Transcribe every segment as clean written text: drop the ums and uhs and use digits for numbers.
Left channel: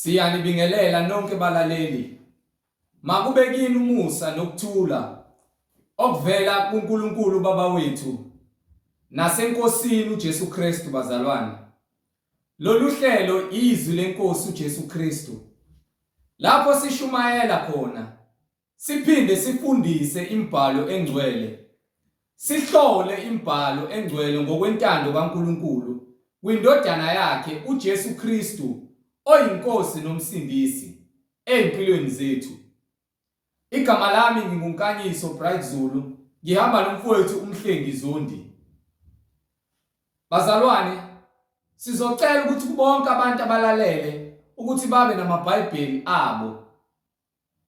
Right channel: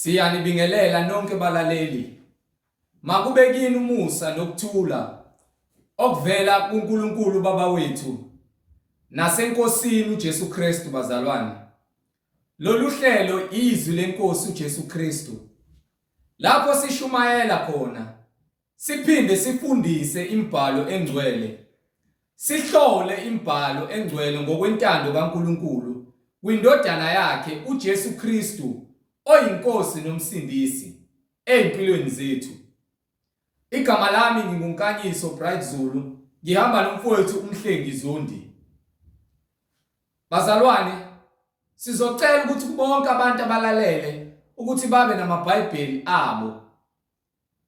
Siyanibingelela nonke balaleli. Makube kini umusa nokuthula okuvela kuNkulunkulu Baba wethu nasenkosini uJesu Kristu bazalwane. Lolu hlelo izwi lenkosi uJesu Kristu. Lapho sishumayela khona siphinde sifundise imibhalo engcwele. Sihlole imibhalo engcwele ngokwentando kaNkulunkulu kwindodana yakhe uJesu Kristu oyinkosi nomsindisi empilweni zethu. Igama lami nginguNkaniso Bright Zulu, ngihamba nomfowethu umhlengi Zondi. Bazalwane, sizocela ukuthi bonke abantu abalalele ukuthi babe namaBhayibheli abo.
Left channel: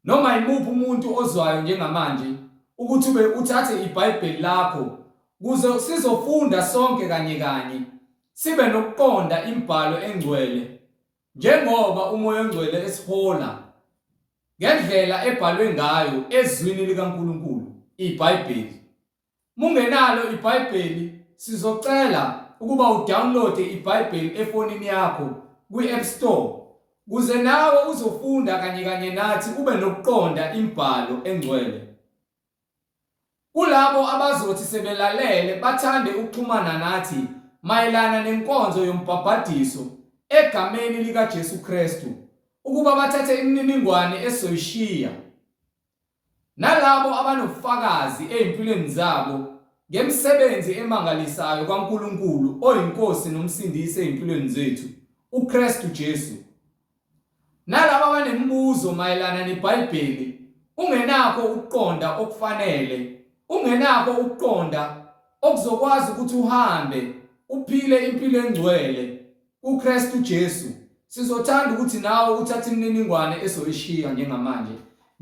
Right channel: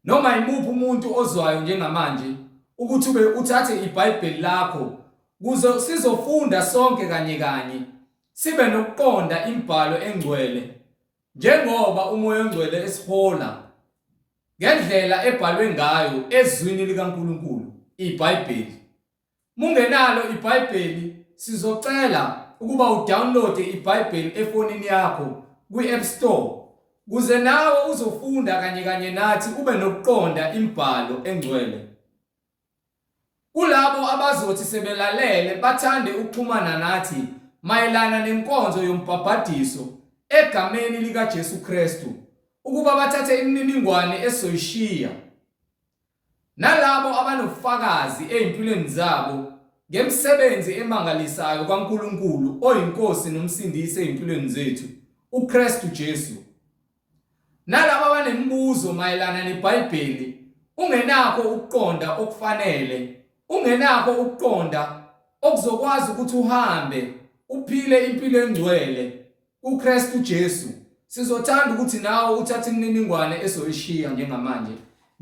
Noma imuphi umuntu ozwayo njengamanje ukuthi uthathe iBhayibheli lakho kuze sizofunda sonke kanye sibe nokuqonda imibhalo engcwele njengoba umoya ongcwele esihola ngendlela ebhalwe ngayo ezwini likaNkulunkulu iBhayibheli. Mungenalo iBhayibheli sizocela ukuba udownload iBhayibheli efonini yakho kwi-App Store kuze nawe uzofunda kanye nathi ube nokuqonda imibhalo engcwele. Kulabo abazothi sebelalele bathande ukuxhumana nathi mayelana nenkonzo yombhabhadiso egameni likaJesu Kristu ukuba bathathe imininingwane esoyishiya, nalabo abanofakazi ezimpilweni zabo ngemsebenzi emangalisayo kaNkulunkulu oyinkosi nomsindisi ezimpilweni zethu uKristu Jesu, nalabo abanemibuzo mayelana neBhayibheli ungenakho ukuqonda okufanele, ungenakho ukuqonda okuzokwazi ukuthi uhambe uphile impilo engcwele uKristu Jesu. Sizothanda ukuthi nawe uthathe imininingwane esoyishiya njengamanje.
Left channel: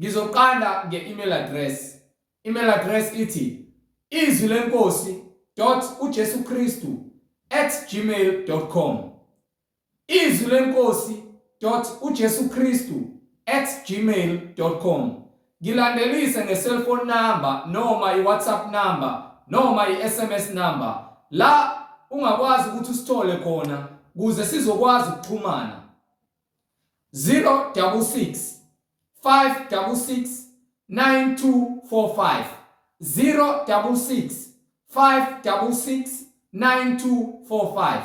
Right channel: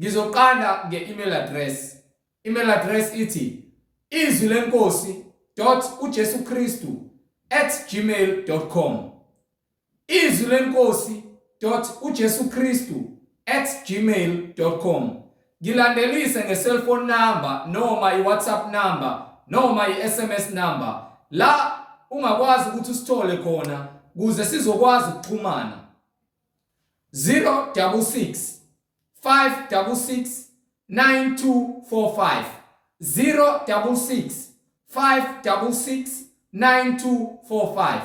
Ngizoqala nge-email address. Email address ithi izwilenkosi.ujesukristu@gmail.com. izwilenkosi.ujesukristu@gmail.com. Ngilandelise nge-cellphone number noma i-WhatsApp number noma i-SMS number la ungakwazi ukuthi usithole khona kuze sizokwazi ukuxhumana. 066 566 9245 066 566 9245.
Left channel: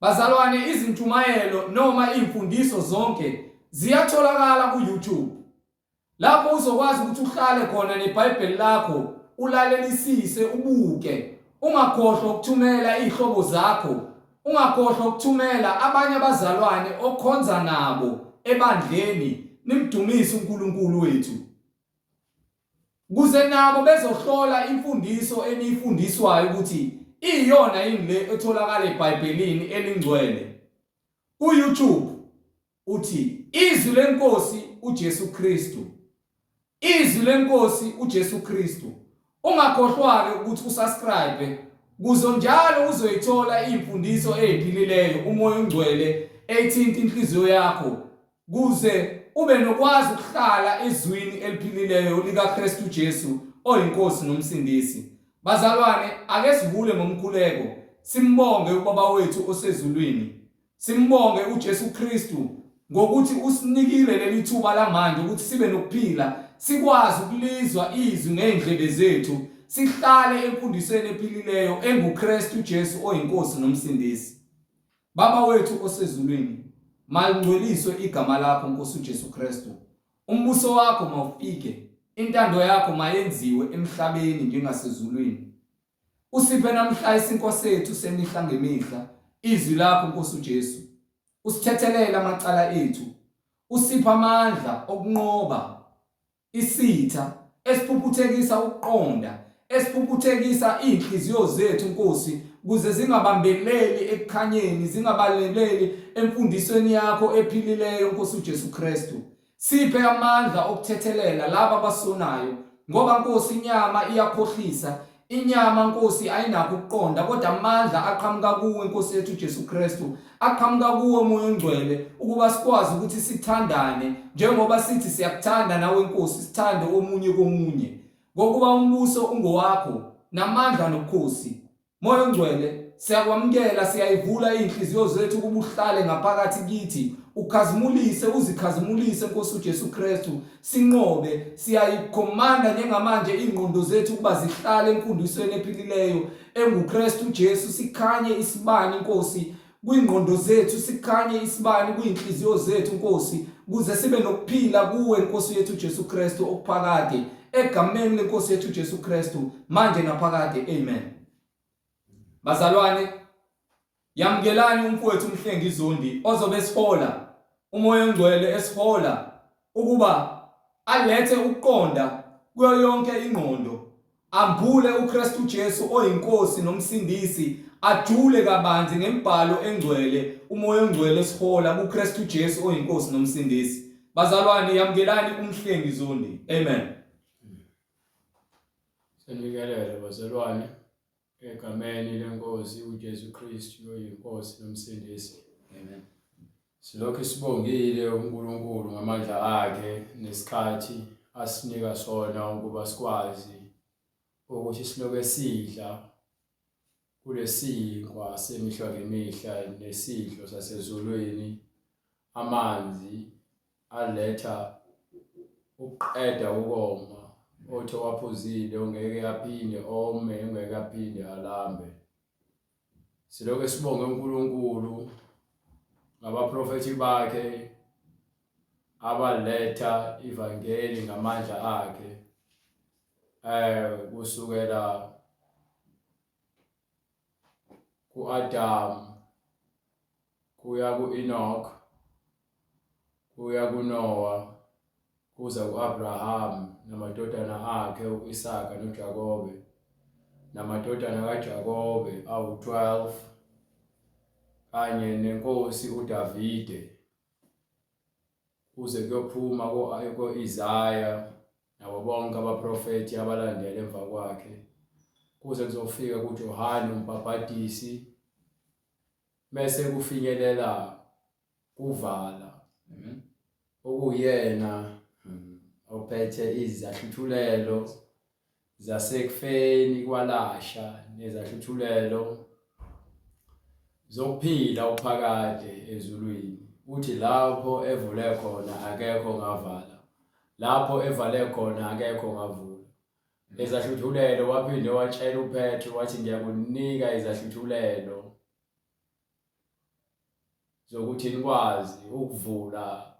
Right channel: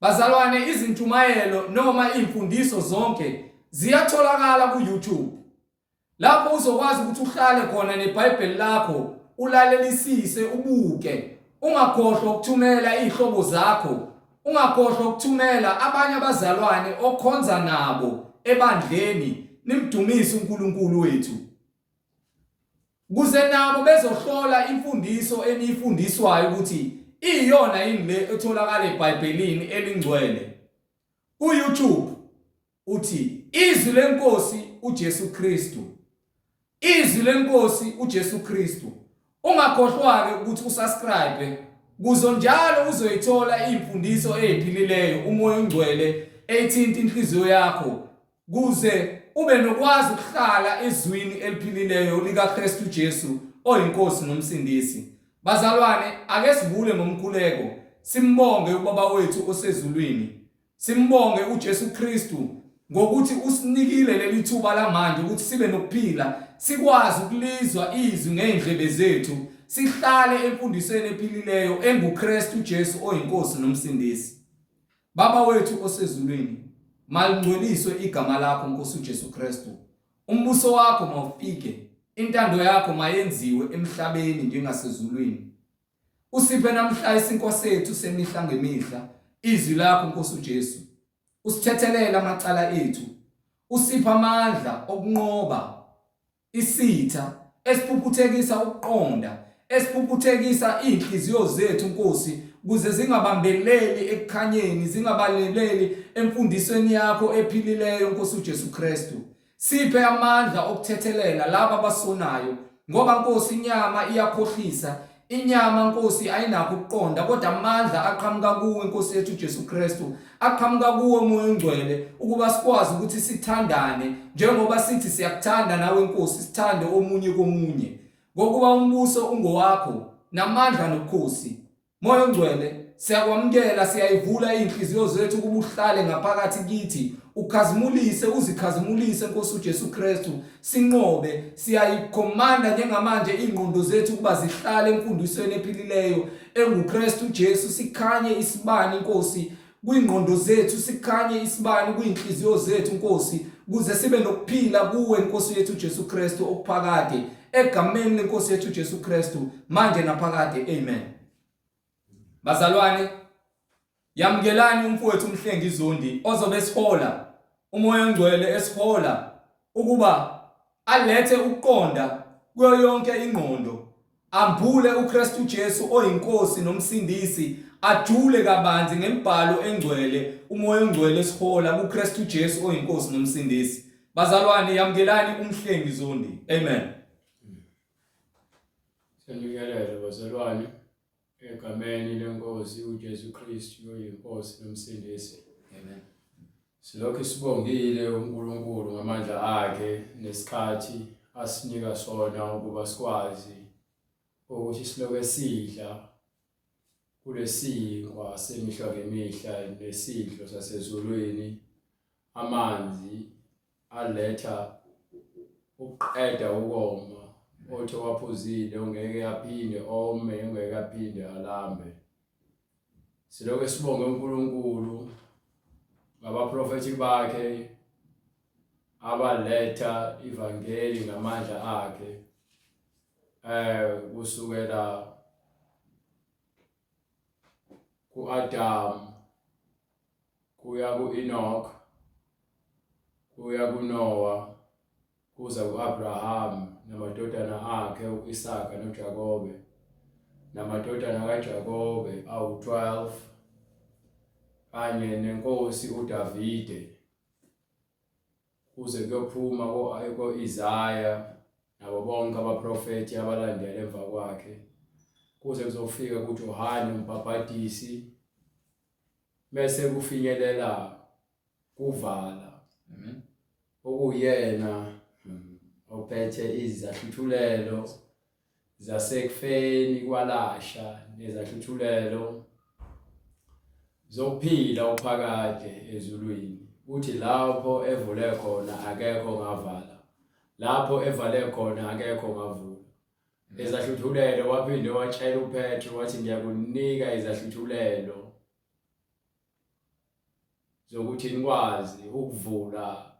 Bazalwane, izintshumayelo noma imfundiso zonke ziyatholakala ku-YouTube. Lapho uzokwazi ukuthi uhlale khona neBhayibheli lakho ulalelisise ubuke. Ungakhohlwa ukuthumela izihlobo zakho, ungakhohlwa ukuthumela abanye abazalwane okhonza nabo ebandleni nimdumise uNkulunkulu wethu, kuze nabo bezohlola imfundiso enifundiswayo ukuthi iyona yini le etholakala eBhayibhelini elingcwele. Ku-YouTube uthi izwi lenkosi uJesu Kristu, izwi lenkosi uJesu Kristu. Ungakhohlwa-ke ukuthi usubscribe kuzo njalo uzoyithola imfundiso eziphilileyo umoya ongcwele ethinta inhliziyo yakho kuze ube nokwazi ukuhlala ezwini eliphilileyo likaKristu Jesu oyinkosi nomsindisi. Bazalwane, ake sivule ngomkhuleko simbonge ubaba wethu osezulwini, simbonge uJesu Kristu ngokuthi usinikile leli thuba lamanje ukuthi sibe nokuphila, sikwazi ukulizwa izwi ngeindlebe zethu, sihlale emfundisweni ephilileyo enguKristu Jesu oyinkosi nomsindisi. Baba wethu osezulwini, malingcweliswe igama lakho Nkosi uJesu Kristu. Umbuso wakho mawufike, intando yakho mayenziwe emhlabeni njengasezulwini. Usiphe namhla isinkosi sethu semihla ngemihla, izwi lakho Nkosi uJesu. Usithethelela amacala ethu, usipha amandla okunqoba isitha esiphuphuthekisa ukuqonda, esiphuphuthekisa inhliziyo zethu Nkosi, kuze zingabambeleli ekukhanyeni, zingabaleleli emfundisweni yakho ephilileyo Nkosi uJesu Kristu. Siphe amandla okuthethelela laba abasonayo, ngoba Nkosi inyama iyakhohlisa, inyama Nkosi ayinakho ukuqonda, kodwa amandla aqhamuka kuwe Nkosi yethu uJesu Kristu, aqhamuka kuwe moya ongcwele ukuba sikwazi ukuthi sithandane njengoba sithi siyakuthanda nawe Nkosi, sithande omunye komunye, ngokuba umbuso ungowakho namandla nobukhosi. Moya ongcwele siyakwamukela, siyayivula inhliziyo zethu kuba uhlale ngaphakathi kithi, ukhazimulise, uzikhazimulise Nkosi uJesu Kristu, sinqobe. Siyayikhomanda njengamanje ingqondo zethu kuba zihlale emfundisweni ephilileyo enguKristu Jesu, sikhanye isibani Nkosi kwingqondo zethu, sikhanye isibani kwinhliziyo zethu Nkosi, kuze sibe nokuphila kuwe Nkosi yethu Jesu Kristu okuphakade, egameni lenkosi yethu Jesu Kristu manje naphakade, amen. Bazalwane, yamkelani umfowethu uMhlengi Zondi ozobe sihola umoya ongcwele esihola ukuba alethe ukuqonda kuyo yonke ingqondo, ambule uKristu Jesu oyinkosi nomsindisi, ajule kabanzi ngembhalo engcwele, umoya ongcwele esihola kuKristu Jesu oyinkosi nomsindisi. Bazalwane, yamkelani uMhlengi Zondi, amen. Senikelele bazalwane egameni lenkosi uJesu Kristu oyinkosi nomsindisi, amen. Silokhu sibongile uNkulunkulu ngamandla akhe nesikhathi asinika sona ukuba sikwazi ukuthi silokhu sidla kulesinkwa semihla ngemihla nesidlo sasezulwini, amanzi aletha ukuqeda ukoma, othi waphuzile ongeke aphinde ome, ongeke aphinde alambe. Silokhu sibonge uNkulunkulu ngabaprofethi bakhe abaletha ivangeli ngamandla akhe, kusukela ku-Adam kuya ku-Enoch kuya kuNoah kuza ku-Abraham namadodana akhe u-Isaka noJakobe, namadodana kaJakobe awu-12, kanye nenkosi uDavide, kuze kuyophuma ko-Isaya nabo bonke abaprofethi abalandela emva kwakhe, kuze kuzofika kuJohane uMbhaphatisi, bese kufinyelela kuVala, amen, okuyena ophethe izahluthulelo zasekufeni kwalasha nezahluthulelo zokuphila uphakade ezulwini. Uthi lapho evule khona akekho ngavala, lapho evale khona akekho ngavula. Ezahluthulelo waphinde watshela uPetro wathi ngiyakunika izahluthulelo zokuthi nikwazi ukuvula,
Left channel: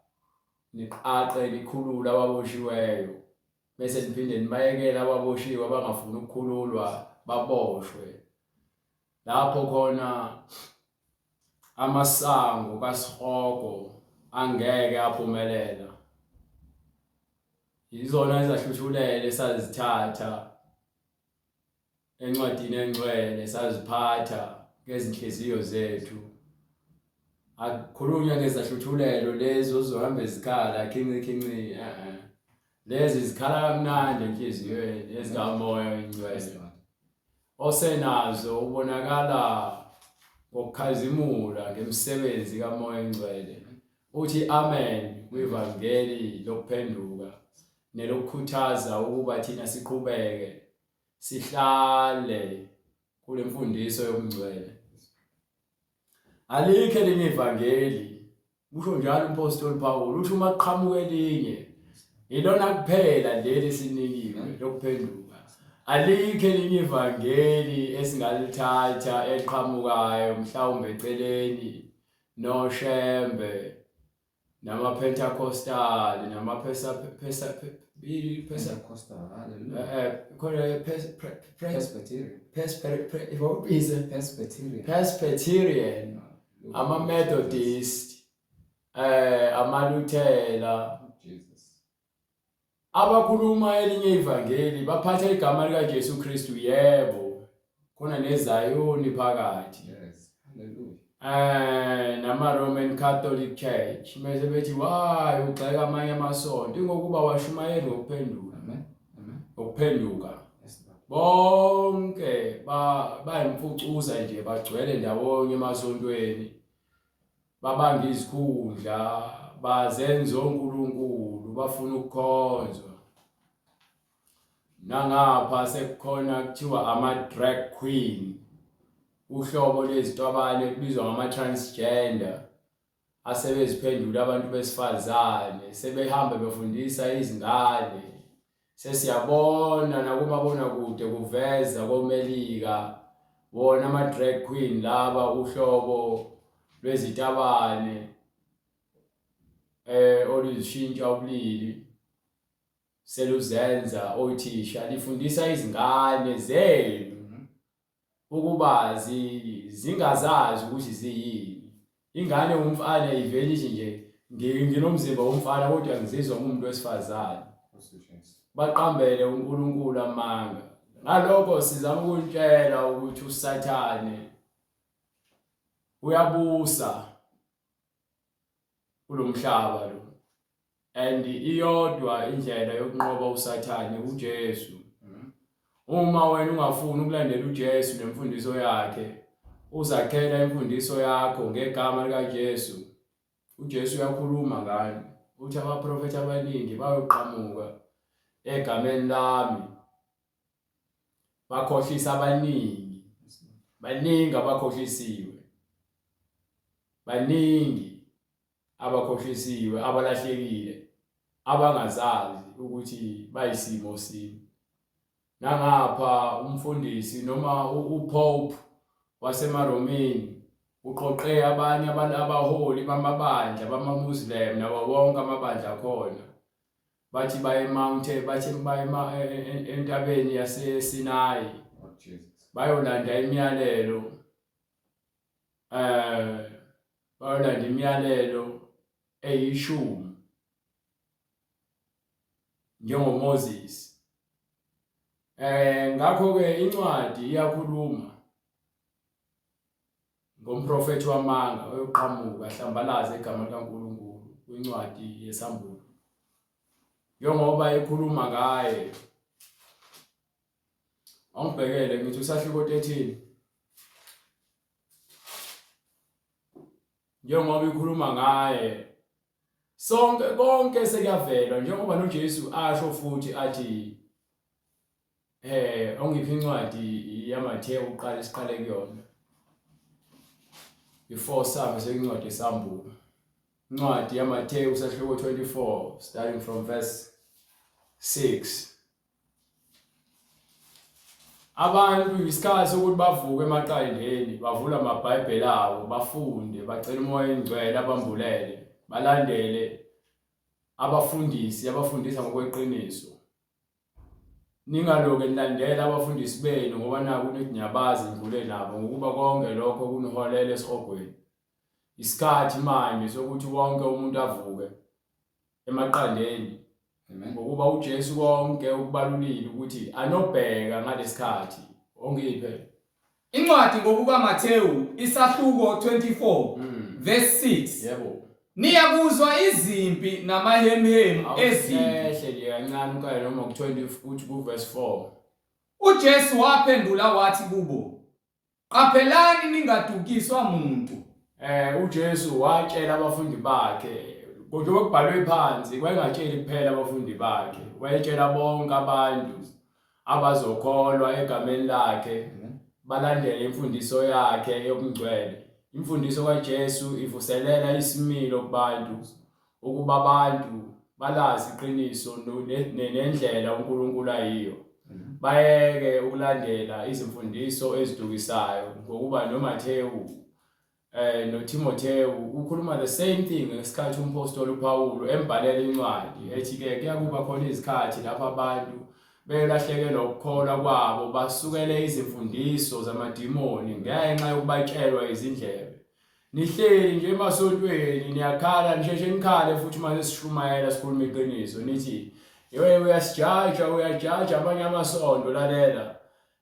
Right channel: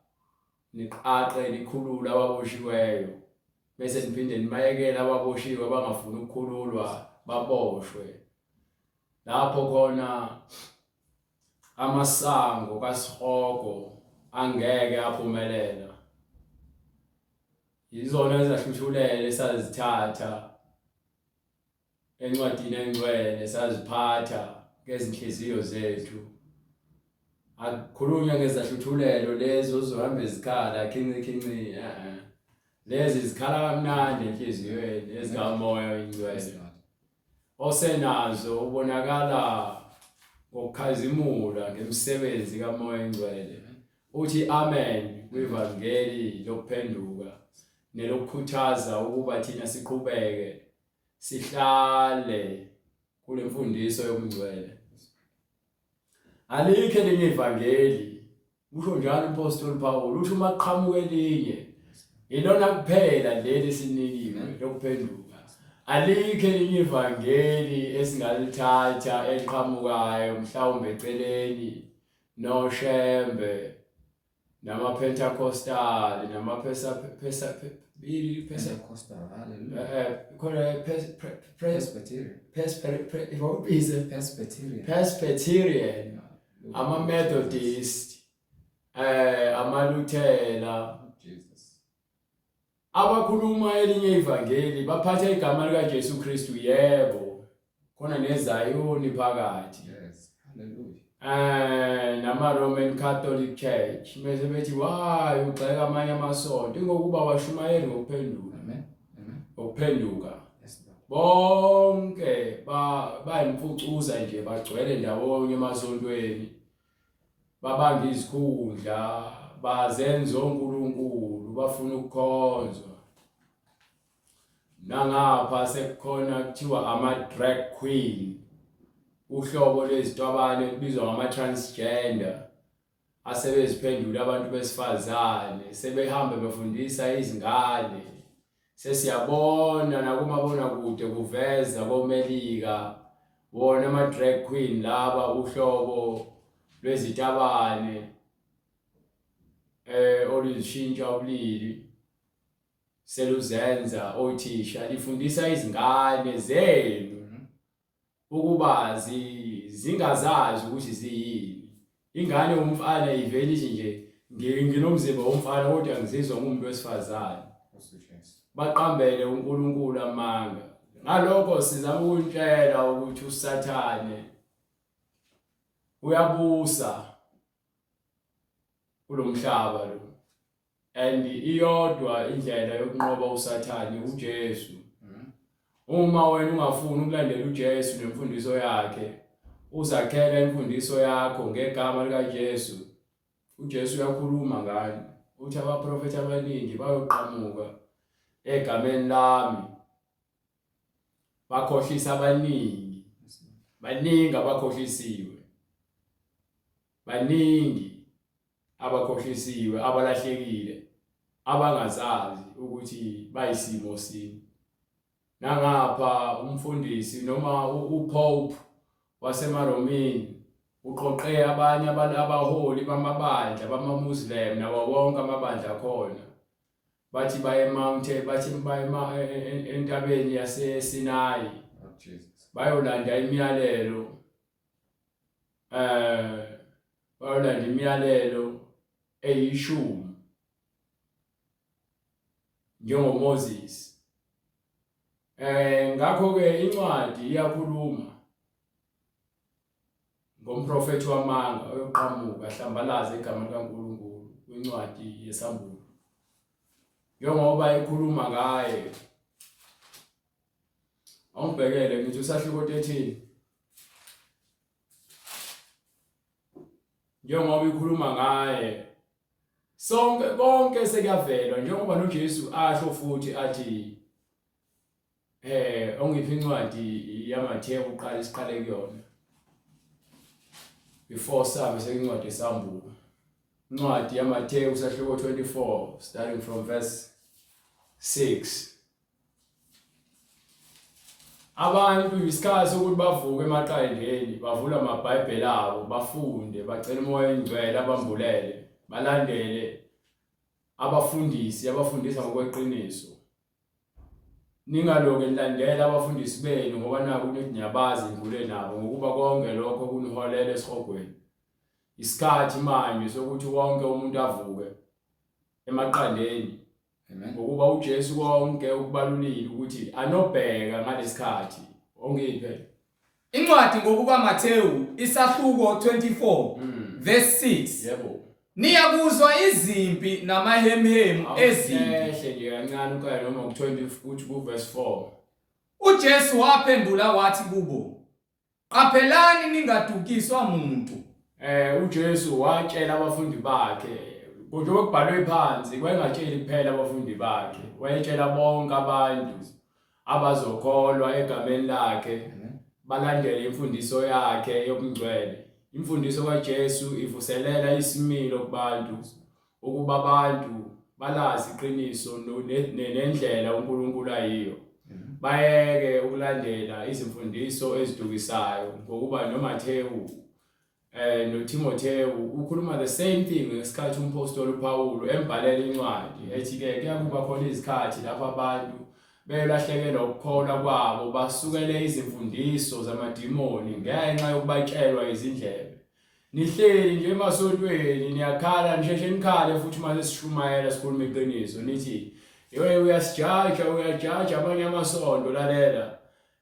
niqaqe nikhulula ababoshiweyo, bese niphinde nibayekela ababoshiwe abangafuni ukukhululwa baboshwe. Lapho khona amasango kaSihoko angeke aphumelela. Yizona ezahluthulele esazithatha encwadini engcwele, saziphatha ngezinhliziyo zethu. Akukhulunywa ngezahluthulelo lezo zohamba ezikhala khinci, lezi zikhala kamnandi enhliziyweni ezikamoya oyingcwele, osenazo ubonakala ngokukhazimula ngemisebenzi kamoya oyingcwele. Uthi amen kwivangeli lokuphenduka nelokukhuthaza ukuba thina siqhubeke sihlale kule mfundiso yobungcwele. Alikho elinye ivangeli, kusho njalo umpostoli Paul, uthi uma kuqhamuka elinye ilona kuphela leli esinikiwe lokuphenduka. Alikho elinye ivangeli esingalithatha eliqhamukayo mhlawumbe eceleni noShembe namaPentecostal Presbyterian, ama-Methodist, amaLuthela, abakhuluma elinye ivangeli baphatha igama likaJesu Kristu, yebo, khona neZayoni phakathi. Yes, hallelujah. Nama-Roman Catholic Church mase bethi wayo ugxeka amanye amasonto ingokuba washumayeli ngokuphenduka, amen, ngokuphenduka. Bonke bayimfucuza nje, bagcwele ndawonye emasontweni, babanga izikhundla, bazenza onkulunkulu, bafuna ukukhonzwa. Nangapha sekukhona kuthiwa ama-drag queen, uhlobo lwezitwabane kubizwa ngama-transgender asebeziphendula abantu besifazane sebehamba befundisa izingane. Sesiyabona nakumabonakude kuveza komelika wona ama-drag queen laba uhlobo lwezitabane oluzishintsha ubulili seluzenza othisha lifundisa izingane zenu ukuba zingazazi ukuthi ziyini. Ingane umfana ivelishi nje nginomzimba womfana kodwa ngizizwa ngumuntu wesifazane. Baqambele uNkulunkulu amanga. Ngalokho sizama ukutshela ukuthi uSathane uyabusa kulomhlaba lo. And iyodwa indlela yokunqoba uSathane uJesu. Uma wena ungafuni ukulandela uJesu nemfundiso yakhe, uzakhela imfundiso yakho ngegama likaJesu. uJesu uyakhuluma ngani. Uthi abaprofeti abaningi bayoqhamuka egameni lami. Bakhohlisa abaningi. Baningi abakhohlisiwe. Baningi abakhohlisiwe, abalahlekile, abangazazi ukuthi bayisimo sini. Nangapha umfundisi noma uPope waseMaromeni uqoqe abanye abaholi bamabandla bamaMuslim nabo bonke amabandla khona. Bathi baye entabeni yaseSinayi. Bayolanda imiyalelo. Bayolanda imiyalelo eyishumi njengoMoses. Ngakho ke incwadi iyakhuluma ngomprofeti wamanga oyoqhamuka ahlambalaze igama likaNkulunkulu kwincwadi yesambulo. Njengoba ekhuluma ngaye. Awubhekele ngithi usahluko 13. Njengoba ikhuluma ngaye sonke konke sekuyavela njengoba noJesu asho futhi athi ongiphi incwadi yaMathewu uqala isiqale kuyona before sabe seyincwadi yesambulo. Incwadi yaMathewu usahluko 24 starting from verse 6. Abantu isikhathi sokuthi bavuke emaqandeni bavula amabhayibheli abo bafunde bacela umoya engcwele abambulele balandele abafundisa ngokweqiniso. Ningaloke nilandela abafundisi benu ngoba naku niyabazi ngule nabo ngokuba konke lokho kuniholela esihogweni. Isikhathi manje sokuthi wonke umuntu avuke emaqandeni. Ngokuba uJesu konke ukubalulile ukuthi anobheka ngalesikhathi ongiphe incwadi ngokuka Mathewu isahluko 24 verse 6. Yebo. Niyakuzwa izimpi namahemhemu ezimpi. Ehle nje kancane ukaya noma ku20 uthi ku verse 4. uJesu waphendula wathi kubo, qaphelani ningadukiswa umuntu. uJesu watshela abafundi bakhe kodwa kubhalwe phansi wayengatsheli kuphela abafundi bakhe, wayetshela bonke abantu abazokholwa egameni lakhe balandele imfundiso yakhe yobungcwele. Imfundiso kaJesu ivuselela isimilo kubantu ukuba abantu balazi iqiniso nendlela uNkulunkulu ayiyo. Bayeke ukulandela izimfundiso ezidukisayo ngokuba noMathewu noTimothewu ukhuluma the same thing ngesikhathi umpostoli uPawulu embhalela incwadi ethi ke kuyakuba khona izikhathi lapho abantu belahlekelwa ukukholwa kwabo basukele izimfundiso zamadimoni ngenxa yokubatshelwa izindlebe. Nihleli nje emasontweni niyakhala nisheshe nikhale futhi mase sishumayela sikhuluma iqiniso nithi yeye uyajaja abanye amasonto lalela.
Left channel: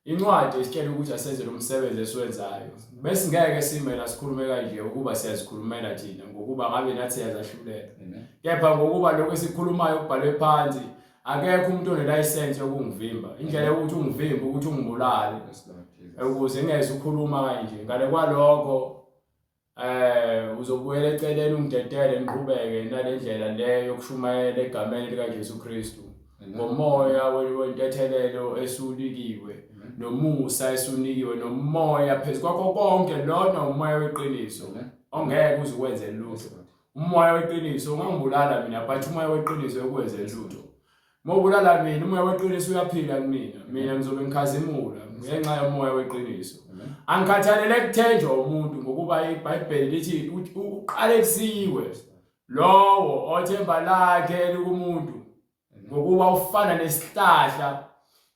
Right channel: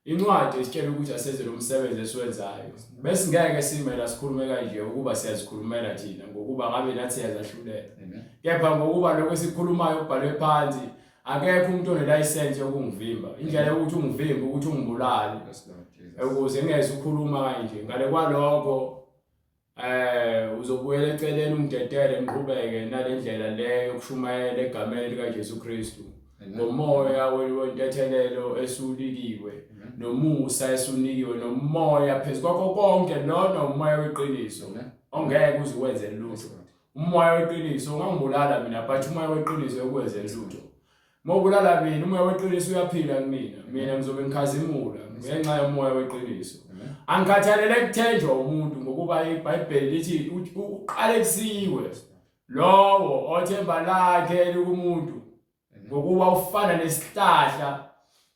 Incwadi isitshela ukuthi asenze lo msebenzi esiwenzayo. Bese ngeke simela sikhulume kanje ukuba siyazikhulumela thina ngokuba ngabe nathi siyazahlulela. Kepha ngokuba lokho esikhulumayo kubhalwe phansi akekho umuntu onelicense yokungivimba. Indlela yokuthi ungivimbe ukuthi ungibulale ukuze ngeze ukukhuluma kanje. Ngale kwalokho uzobuyela eceleni ungidedele ngiqhubeke nalendlela leyo yokushumayela egameni likaJesu Kristu. ngomoya wentethelelo esulikiwe nomusa esunikiwe nomoya phezukwakho konke lona umoya weqiniso ongeke uze ukwenze lutho. Umoya weqiniso ungangibulala mina but umoya weqiniso ukwenze lutho. Mawubulala mina umoya weqiniso uyaphila kumina. Mina ngizobe ngikhazimula ngenxa yomoya weqiniso. Angikhathalele kuthenjwa umuntu ngokuba iBhayibheli lithi uqale kusiwe lowo othemba lakhe likumuntu ngokuba ufana nesihlahla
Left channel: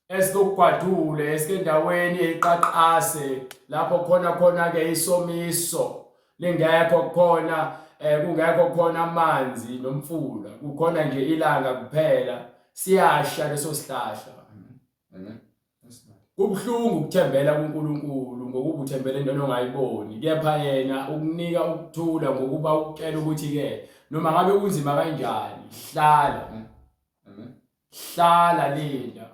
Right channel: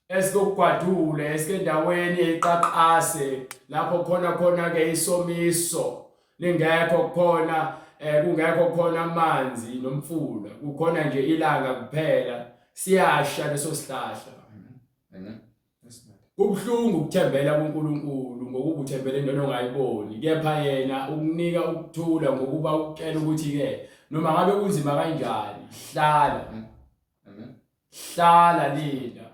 esikugwadule esikendaweni eqaqase lapho khona ke isomiso lingekho khona kungekho khona amanzi nomfula kukhona nje ilanga kuphela siyasha leso sihlahla. Kubhlungu ukuthembela kuNkulunkulu ngokuba uthembele into ongayiboni kepha yena ukunika ukuthula ngokuba ukutshela ukuthi ke noma ngabe kunzima kanjani hlala linda.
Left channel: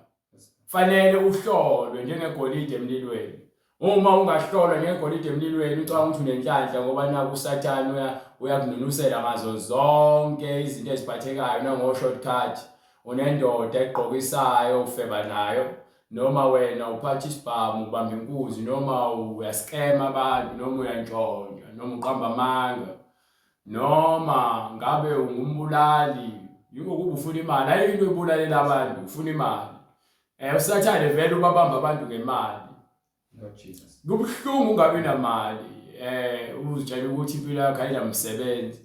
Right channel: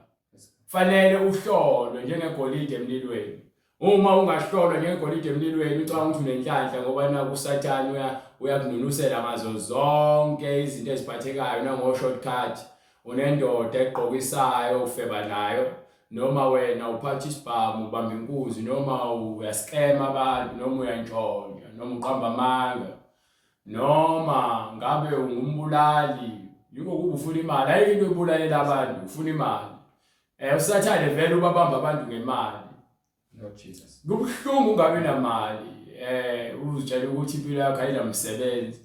Fanele uhlolwe njengegolide emlilweni. Uma ungahlolwa njengegolide emlilweni ucabanga ukuthi unenhlanhla ngoba naku uSathane uyakununusela ngazo zonke izinto eziphathekayo nango shortcut. Unendoda egqokisayo ufeba nayo noma wena uphatha isibhamu ubamba inkunzi noma uyaskema abantu noma uyantshontsha noma uqamba amanga noma ngabe ungumbulali yiko kuba ufuna imali. Ayikho into ebulalela abantu ufuna imali. USathane vele ubabamba abantu ngemali. Lord Jesus. Kubhlungu ungabi namali uzitshela ukuthi impilo yakho ayinamsebenzi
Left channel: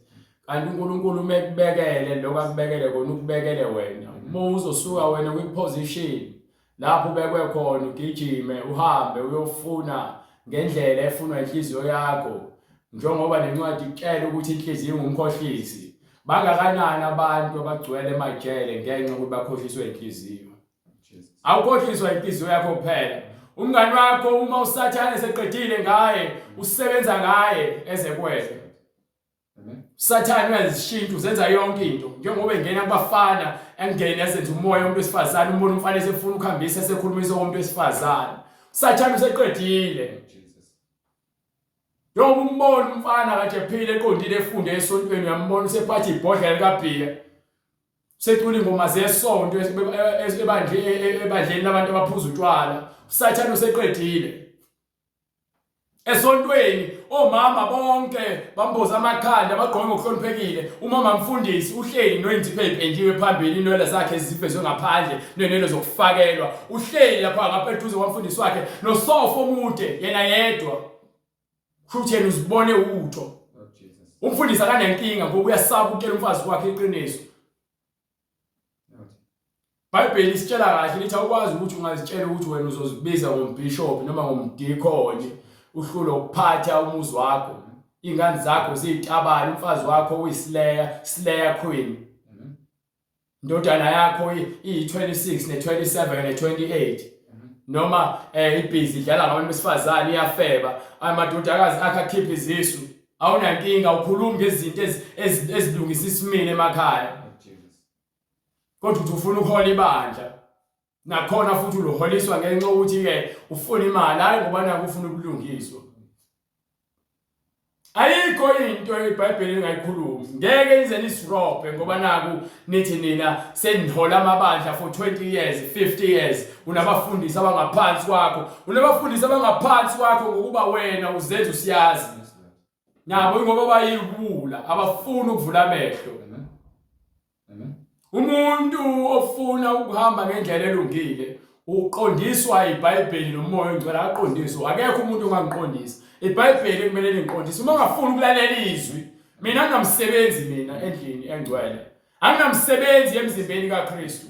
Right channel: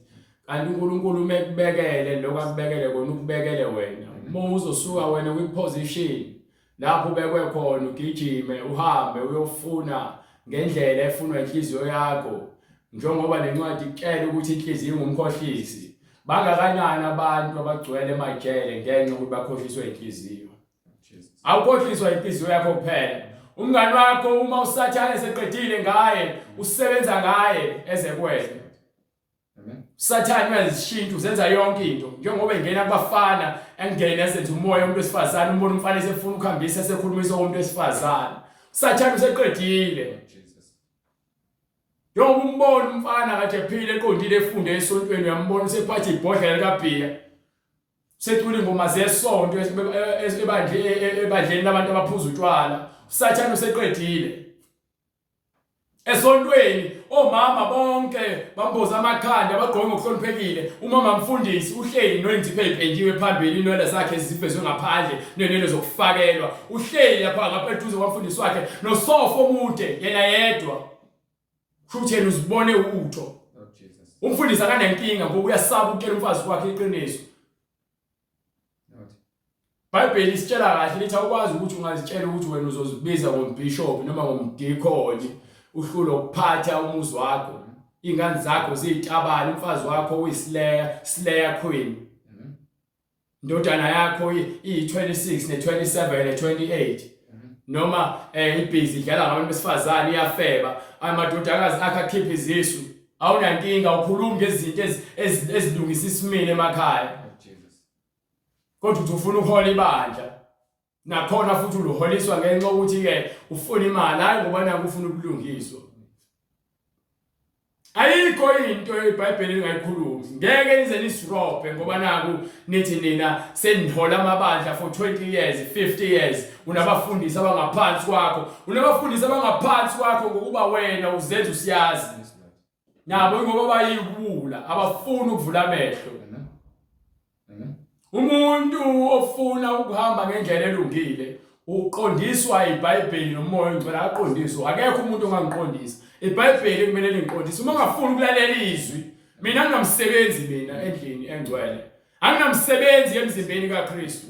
kanti uNkulunkulu umekubekele lokho akubekele kona ukubekele wena. Uma uzosuka wena kwiposition lapho ubekwe khona ugijime uhambe uyofuna ngendlela efunwa inhliziyo yakho njengoba nencwadi ikutshela ukuthi inhliziyo ingumkhohlisi. Bangakanani abantu abagcwele emajele ngenxa ukuthi bakhohliswe inhliziyo. Awukhohliswa inhliziyo yakho kuphela. Umngani wakho uma uSathane eseqedile ngaye usebenza ngaye ezekwele. Sathane uyazishintsha uzenza yonke into njengoba engena kubafana engena ezenza umoya umuntu wesifazane umbona umfana esefuna ukuhambisa esekhulumisa umuntu wesifazane. Sathane useqedile. Njengoba umbona umfana kade ephile eqondile efunde esontweni uyambona usephatha ibhodlela likaBhiya. Sethula ingoma zesonto ebandleni labantu abaphuza utshwala. Sathane useqedile. Esontweni omama bonke bamboza amakhanda bagqoke ngokuhloniphekile. Umama Mfundisi uhleli noyinzipho eziphenjiwe phambili inwele zakhe ezivezwe ngaphandle nenwele zokufakelwa. Uhleli lapha ngapha eduze kwaMfundisi wakhe nosofo omude yena yedwa. Futhi uzibone utho. Umfundisi akanenkinga ngoba uyasaba ukutshela umfazi wakhe iqiniso. iBhayibheli isitshela kahle lithi awukwazi ukuthi ungazitshela ukuthi wena uzozibiza ngombishop noma ngomdikoni uhlulo ukuphatha umuzi wakho. Ingane zakho ziyitabani umfazi wakho uyisileya queen. Indodana yakho iyi26 ne27 ne28. Noma ibhizi idlala ngabantu besifazane iyafeba amadodakazi akhe akhipha izisu. Awunankinga ukhuluma ngezinto ezilungisa isimini emakhaya. Kodwa uthi ufuna ukuhola ibandla nakhona futhi uloholiswa ngenxa ukuthi ke ufuna imali hayi ngoba naku ufuna ubulungiswa. Ayikho into iBhayibheli engayikhulumi. Ngeke ize nisirobhe ngoba naku nithi nina senihola amabandla for 20 years 50 years unabafundisi abangaphansi kwakho. Unabafundisi abangaphansi kwakho ngokuba wena uzenza usiyazi. Nabo ngoba bayibula abafuna ukuvula amehlo. Umuntu ofuna ukuhamba ngendlela elungile uqondiswa iBhayibheli nomoya ongcwele aqondiswa. Akekho umuntu ongangiqondisa. iBhayibheli kumele lingiqondise. Uma ungafuni ukulalela izwi mina nginamsebenzi mina endlini engcwele. Anginamsebenzi emzimbeni kaKristu.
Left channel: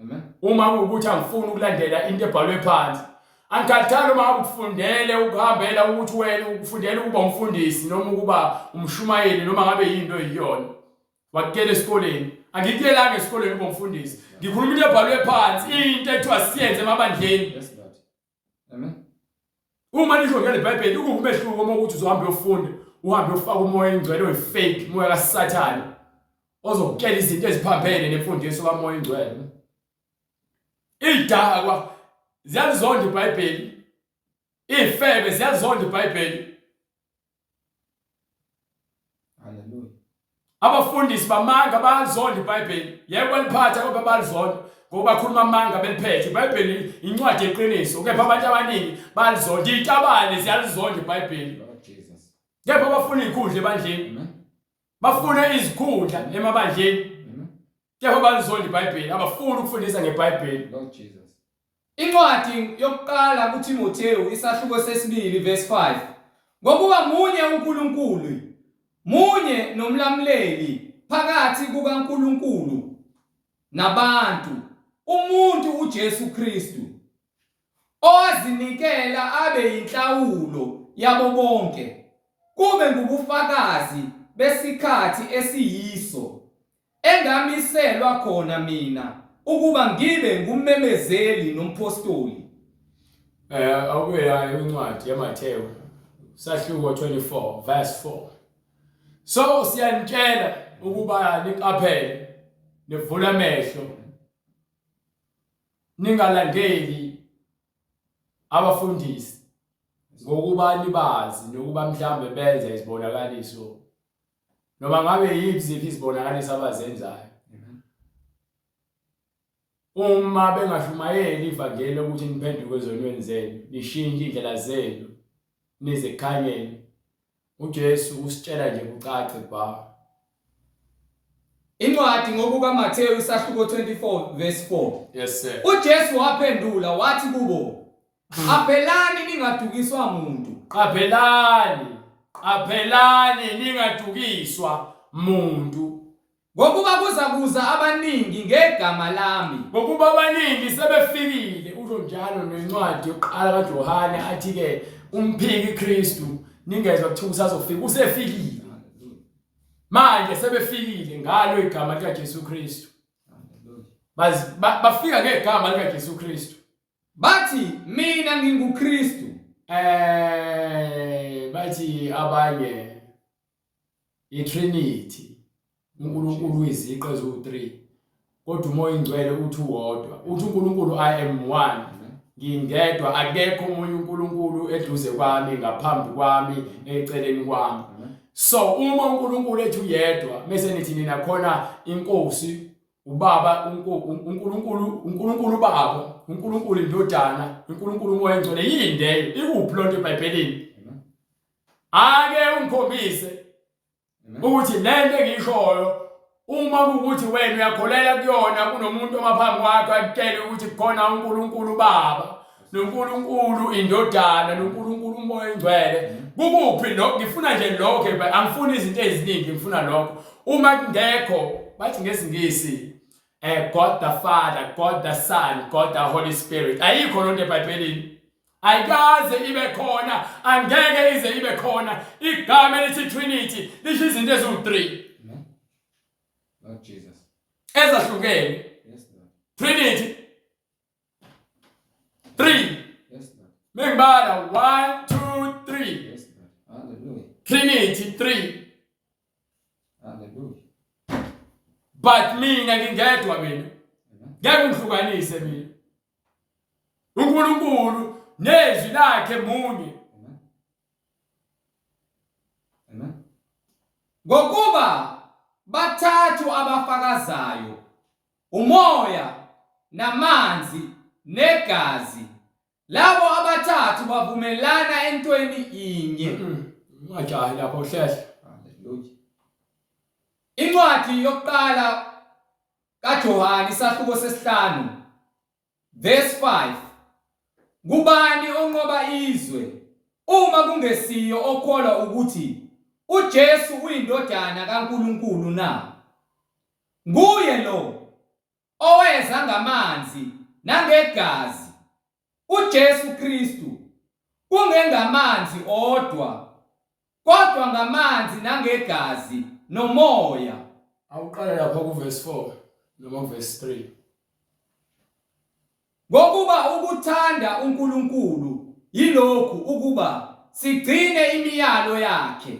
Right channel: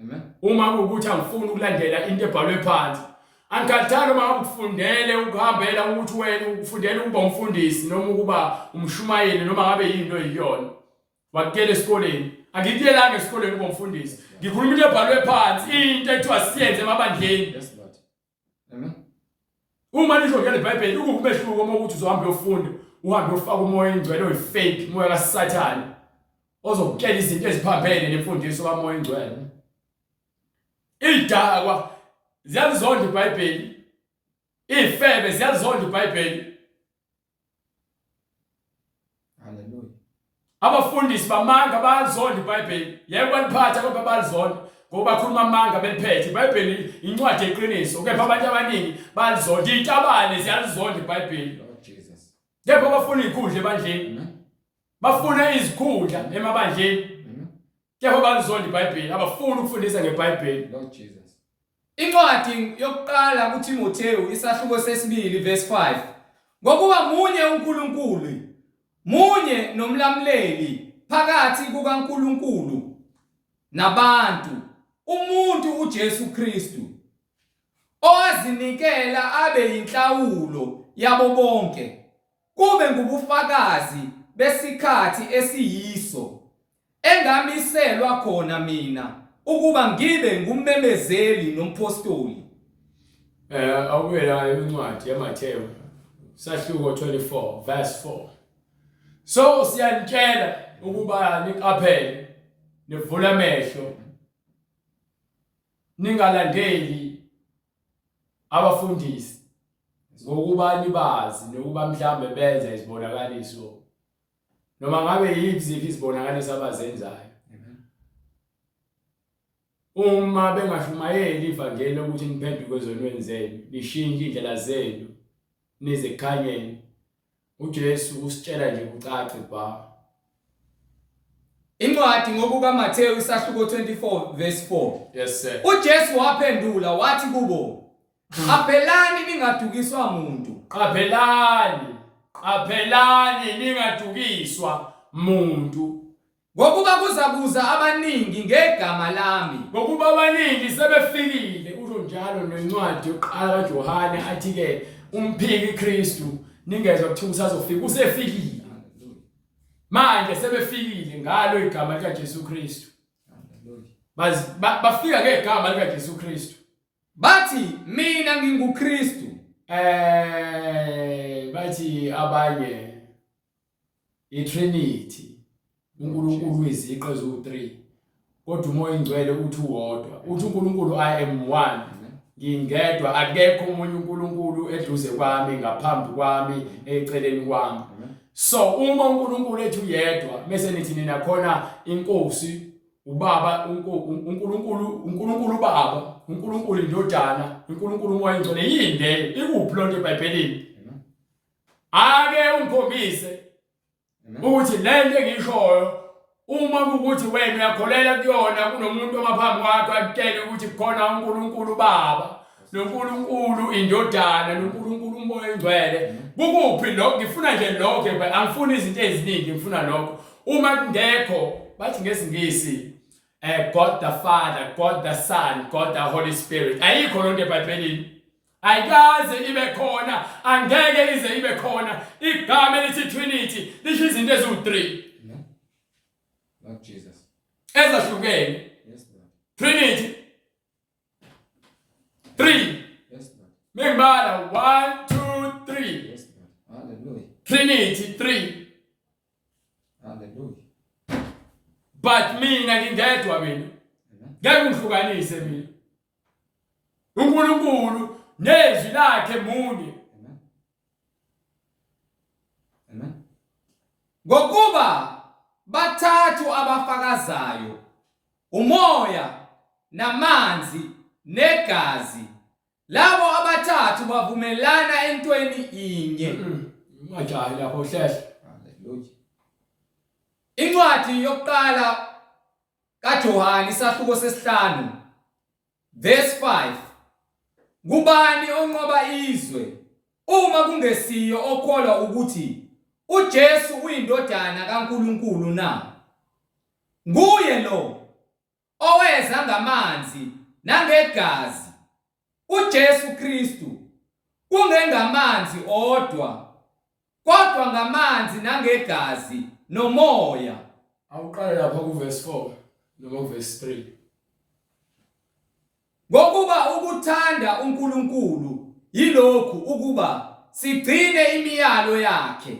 Amen. Uma ukuthi angifuni ukulandela into ebhalwe phansi. Angikhathali uma ukufundele ukuhambela ukuthi wena ukufundela ukuba umfundisi noma ukuba umshumayeli noma ngabe yinto eyiyona. Wakutshela esikoleni. Angikuyelanga esikoleni kuba umfundisi. Ngikhuluma into ebhalwe phansi into ethiwa siyenze emabandleni. Yes Lord. Amen. Uma nishongela iBhayibheli ukumehluko uma ukuthi uzohamba uyofunda uhambe ufaka umoya engcwele oyifake umoya kaSathane ozokutshela izinto eziphambene nemfundiso kamoya engcwele. Idakwa ziyalizonda iBhayibheli. Ifebe ziyalizonda iBhayibheli. Hallelujah. Abafundisi bamanga bayalizonda iBhayibheli. Yebo baliphatha kodwa balizonda. ngoba khuluma amanga beliphethe iBhayibheli incwadi yeqiniso kepha abantu abaningi balizonda itabane ziyalizonda iBhayibheli Lord Jesus. kepha bafuna izikhundla ebandleni bafuna izikhundla emabandleni kepha balizonda iBhayibheli abafuni ukufundisa ngeBhayibheli Lord Jesus. Incwadi yokuqala kuTimoteyu isahluko sesibili verse 5. Ngokuba munye uNkulunkulu, munye nomlamleli phakathi kukaNkulunkulu nabantu, umuntu uJesu Kristu, owazinikela abe inhlawulo yabo bonke, kube ngubufakazi besikhathi esiyiso, engamiselwa khona mina ukuba ngibe ngummemezeli nompostoli. Awubela incwadi yaMathewu sahluko 24 verse 4. So siyanitshela ukuba niqaphele nivule amehlo ningalandeli abafundisi ngokuba nibazi nokuba mhlambe benze izibonakaliso noma ngabe yiziphi izibonakaliso abazenzayo. Uma bengashumayeli ivangeli ukuthi niphenduke ezonweni zenu nishintshe indlela zenu nize ekhanyeni, uJesu usitshela nje kucace ba. Incwadi ngokukaMathewu isahluko 24 verse 4. Yes sir. uJesu waphendula wathi kubo, qaphelani ningadukiswa muntu. Qaphelani ningadukiswa muntu. Ngokuba kuzakuza abaningi ngegama lami. Ngokuba abaningi sebefikile usho njalo nencwadi yokuqala kaJohane athi ke umphiki Kristu ningezwe kuthiwa usazofika usefikile. Manje sebefikile ngalo igama lika Jesu Kristu. Bafika ngegama lika Jesu Kristu. Bathi mina nginguKristu. Bathi abanye iTrinity. uNkulunkulu iziqe ezu3 kodwa umoya ingcwele uthi uwodwa. Uthi uNkulunkulu I am one. Ngingedwa akekho umunye uNkulunkulu eduze kwami ngaphambi kwami eceleni kwami. So uma uNkulunkulu ethi uyedwa bese nithi nina khona inkosi ubaba uNkulunkulu baba uNkulunkulu indodana uNkulunkulu umoya ingcwele yinde ikuphi lonke eBhayibhelini. Ake ungikhombise ukuthi lento engishoyo uma ukuthi wena uyakholela kuyona kunomuntu omaphambi kwakho akutshela ukuthi khona uNkulunkulu baba noNkulunkulu indodana noNkulunkulu umoya ingcwele kukuphi lokho ngifuna nje lokho angifuni izinto eziningi ngifuna lokho. Uma kungekho bathi ngesingisi God the Father, God the Son, God the Holy Spirit ayikho lonto eBhayibhelini. Ayikaze ibe khona angeke ize ibe khona igama elithi Trinity lisho izinto eziwu3 Lord Jesus. ezahlukene. Yes Lord. Trinity 3. Yes Lord. Mengibala 1 2 3. Yes Lord. Hallelujah. Trinity 3. Hallelujah. But mina ngingedwa mina. Ngeke ngihlukanise mina. uNkulunkulu nezwi lakhe munye. Amen. Ngokuba bathathu abafakazayo, umoya namanzi negazi, labo abathathu bavumelana entweni inye. Ungajahi lapho hlehla. Hallelujah. Incwadi yokuqala kaJohane isahluko sesihlanu verse 5. Kubani onqoba izwe uma kungesiyo okholwa ukuthi uJesu uyindodana kaNkulunkulu na? Nguye lo oweza ngamanzi nangegazi, uJesu Kristu, kungengamanzi odwa kodwa ngamanzi nangegazi nomoya. Awuqala lapha ku verse 4 noma verse 3. Ngokuba ukuthanda uNkulunkulu yilokhu ukuba sigcine imiyalo yakhe.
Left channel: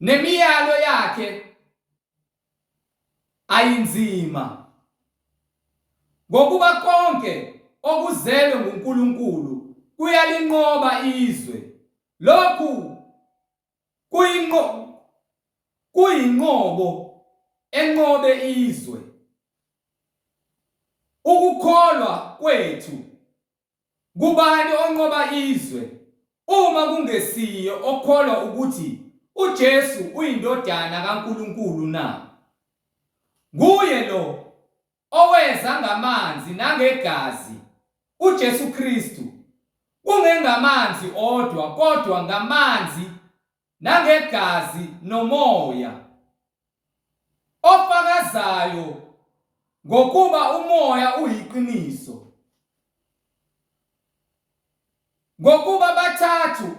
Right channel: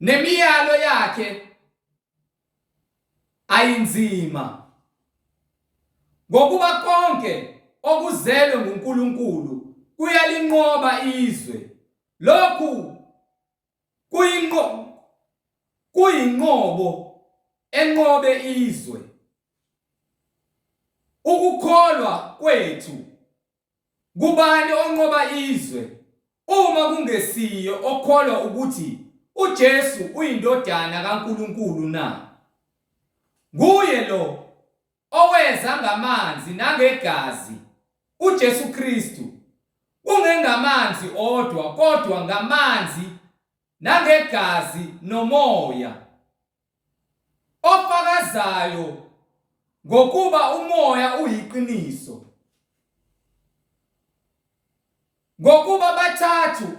Nemiyalo yakhe ayinzima. Ngokuba konke okuzelwe nguNkulunkulu kuyalinqoba izwe. Lokhu kuyinqobo enqobe izwe. ukukholwa kwethu kubani onqoba izwe uma kungesiyo okholwa ukuthi uJesu uyindodana kaNkulunkulu na? Nguye lo oweza ngamanzi nangegazi, uJesu Kristu, kungengamanzi odwa kodwa ngamanzi nangegazi nomoya, ofakazayo ngokuba umoya uyiqiniso. Ngokuba bathathu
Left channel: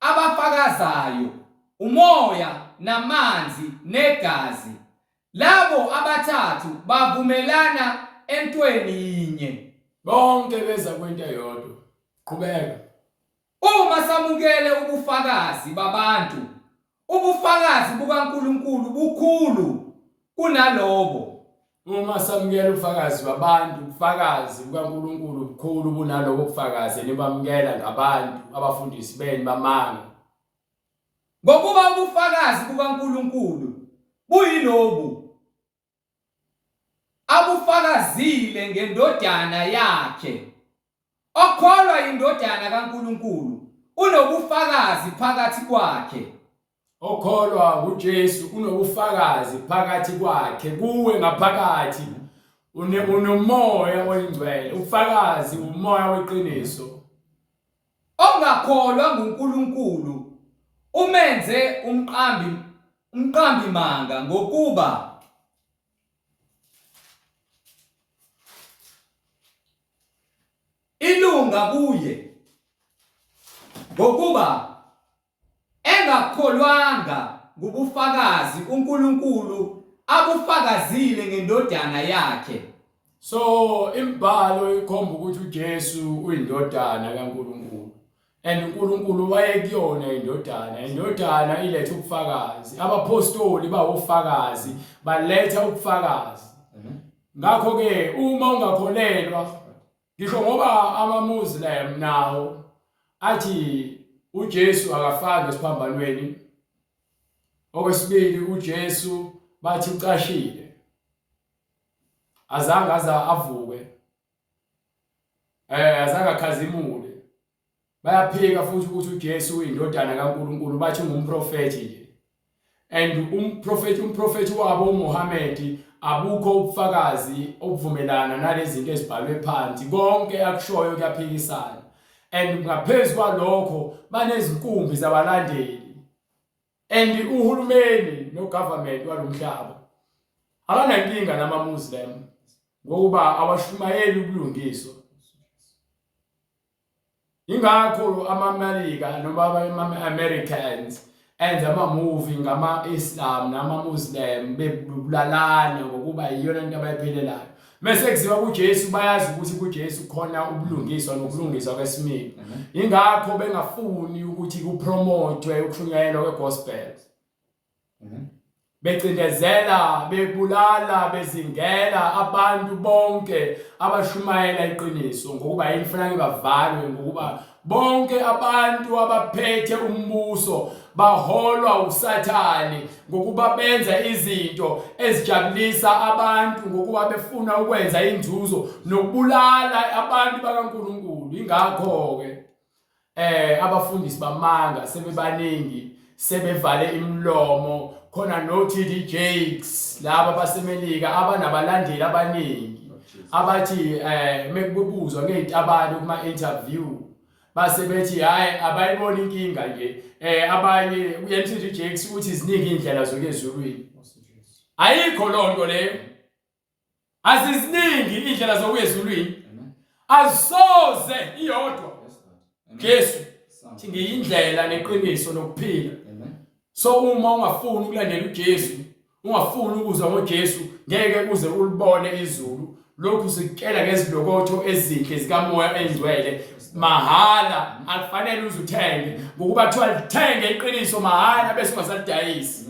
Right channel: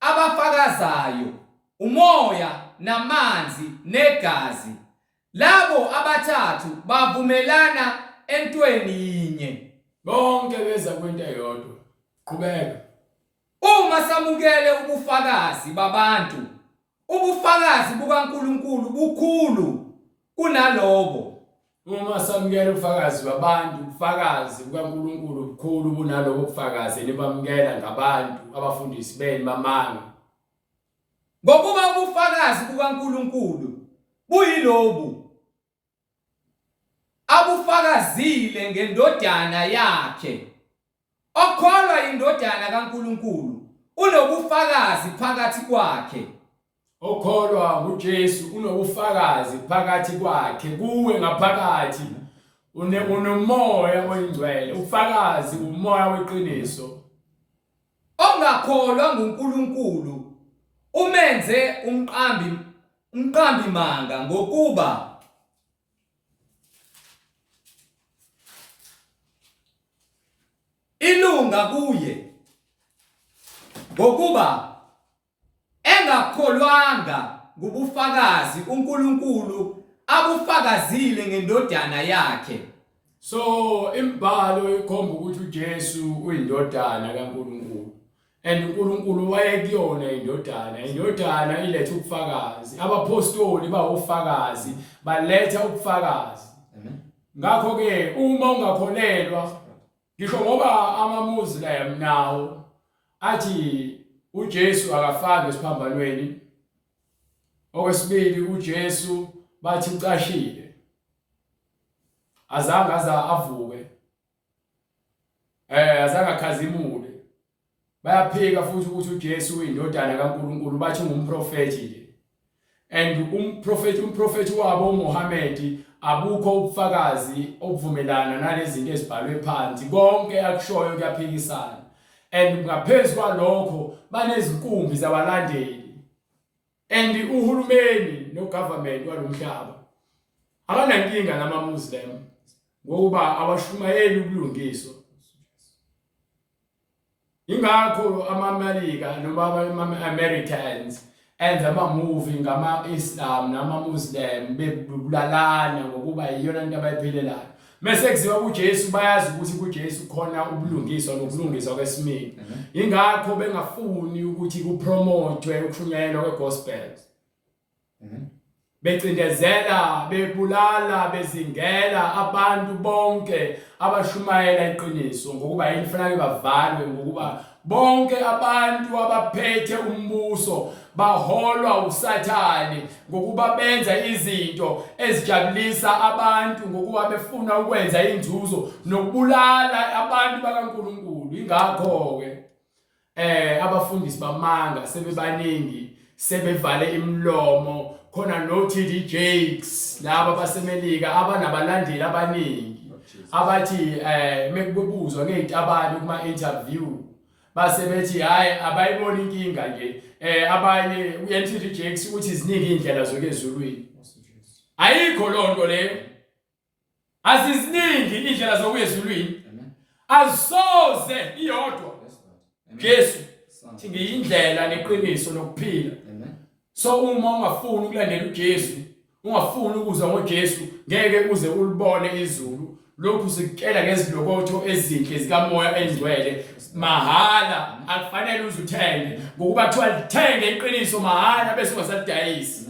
abafakazayo, umoya namanzi negazi, labo abathathu bavumelana entweni yinye. Bonke beza kwinto eyodwa. Qhubeka. Uma samukele ubufakazi babantu, ubufakazi bukaNkulunkulu bukhulu kunalobo. Uma samukela ubufakazi babantu, ubufakazi bukaNkulunkulu bukhulu kunalobo bufakazi nibamukela ngabantu abafundisi beni bamanga. Ngokuba ubufakazi bukaNkulunkulu buyilobu: abufakazile ngendodana yakhe. Okholwa indodana kaNkulunkulu unobufakazi phakathi kwakhe. Okholwa uJesu unobufakazi phakathi kwakhe, kuwe ngaphakathi unomoya oyingcwele, ufakazi umoya weqiniso. Ongakholwa nguNkulunkulu umenze umqambi manga ngokuba ilunga kuye, ngokuba engakholwanga ngubufakazi uNkulunkulu abufakazile ngendodana yakhe. So imbhalo ikhomba ukuthi uJesu uyindodana kaNkulunkulu, and uNkulunkulu wayekuyona indodana iletha ubufakazi. Abapostoli bawufakazi, baletha ubufakazi. Ngakho ke uma ungakholelwa, ngisho ngoba amaMuslim nawo athi uJesu akafanga esiphambanweni, okwesibili uJesu bathi ucashile, azange avuke, azange akhazimule. Bayaphika futhi ukuthi uJesu uyindodana kaNkulunkulu, bathi ungumprofeti nje. And umprofeti wabo uMuhammad abukho ubufakazi obuvumelana nalezi zinto ezibhalwe phansi, konke akushoyo kuyaphikisana. And ngaphezulu kwalokho banezinkumbi zabalandeli, and uhulumeni no-government walomhlaba abanankinga namaMuslim ngokuba abashumayeli ubulungiswa. Ingakho amaMelika noma ama-Americans enza ama-movie ngama-Islam nama-Muslim bebulalana ngokuba iyona into abayiphelelayo. Mase kuziwa kuJesu bayazi ukuthi kuJesu khona ubulungiswa nokulungiswa kwesimilo. Ingakho bengafuni ukuthi kupromotwe ukushunyayelwa kwegospel. Becindezela, bebulala, bezingela abantu bonke abashumayela iqiniso ngokuba yini kufanele bavalwe, ngokuba bonke abantu abaphethe umbuso baholwa uSathane ngokuba benza izinto ezijabulisa abantu, ngokuba befuna ukwenza inzuzo nokubulala abantu bakaNkulunkulu. Ingakho ke abafundisi bamanga sebebaningi, sebevale imlomo. Khona no-TD Jakes laba basemelika abanabalandeli abaningi abathi mekubuzwa ngezitabane kuma-interview base bethi hayi abayibona inkinga nje. Abanye uTD Jakes uthi ziningi indlela zokezulwini. Ayikho lonto leyo, aziziningi indlela zokezulwini, azisoze iyodwa Jesu thi ngiyindlela neqiniso nokuphila. So uma ungafuni ukulandela uJesu, ungafuni ukuzwa ngoJesu, ngeke uze ulibone izulu. Lokhu sikutshela ngezilokotho ezinhle zikamoya engcwele mahala, akufanele uze uthenge ngokuba kuthiwa lithenge iqiniso mahala bese ungasalidayisi.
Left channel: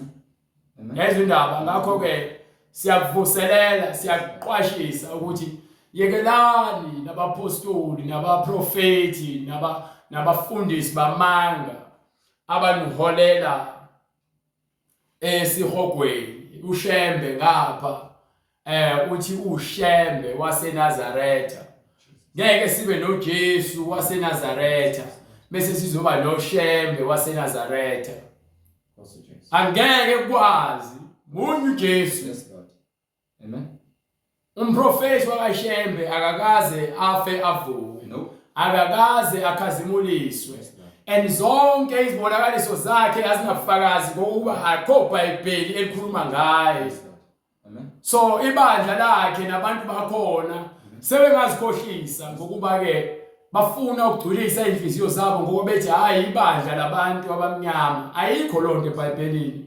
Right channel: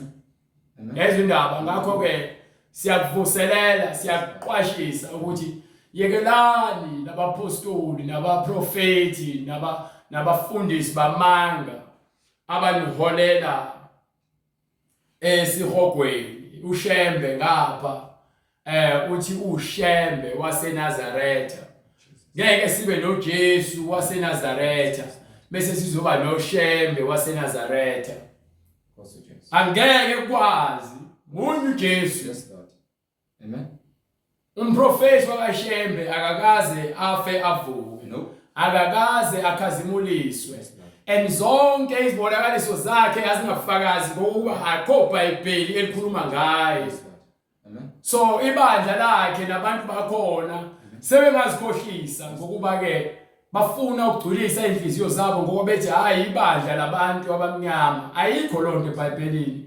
Yezwe indaba. Ngakho ke siyakuvuselela, siyakuqwashisa ukuthi yekelani nabapostoli nabaprofeti nabafundisi bamanga abaniholela esihogweni ushembe ngapha uthi uShembe waseNazaretha. Ngeke sibe noJesu waseNazaretha bese sizoba noShembe waseNazaretha. Angeke kwazi munye uJesu. Yes, Lord. Amen. Umprofeti wakaShembe akakaze afe avuke. No. Akakaze akhazimuliswe. Yes, Lord. And zonke izibonakaliso zakhe azingafakazi ngokuba akho iBhayibheli elikhuluma ngaye. Yes, Lord. Amen. So ibandla lakhe nabantu bakhona sebengazikhohlisa ngokuba ke bafuna ukugculisa inhliziyo zabo ngoba bethi hayi ibandla labantu abamnyama ayikho lonke eBhayibhelini.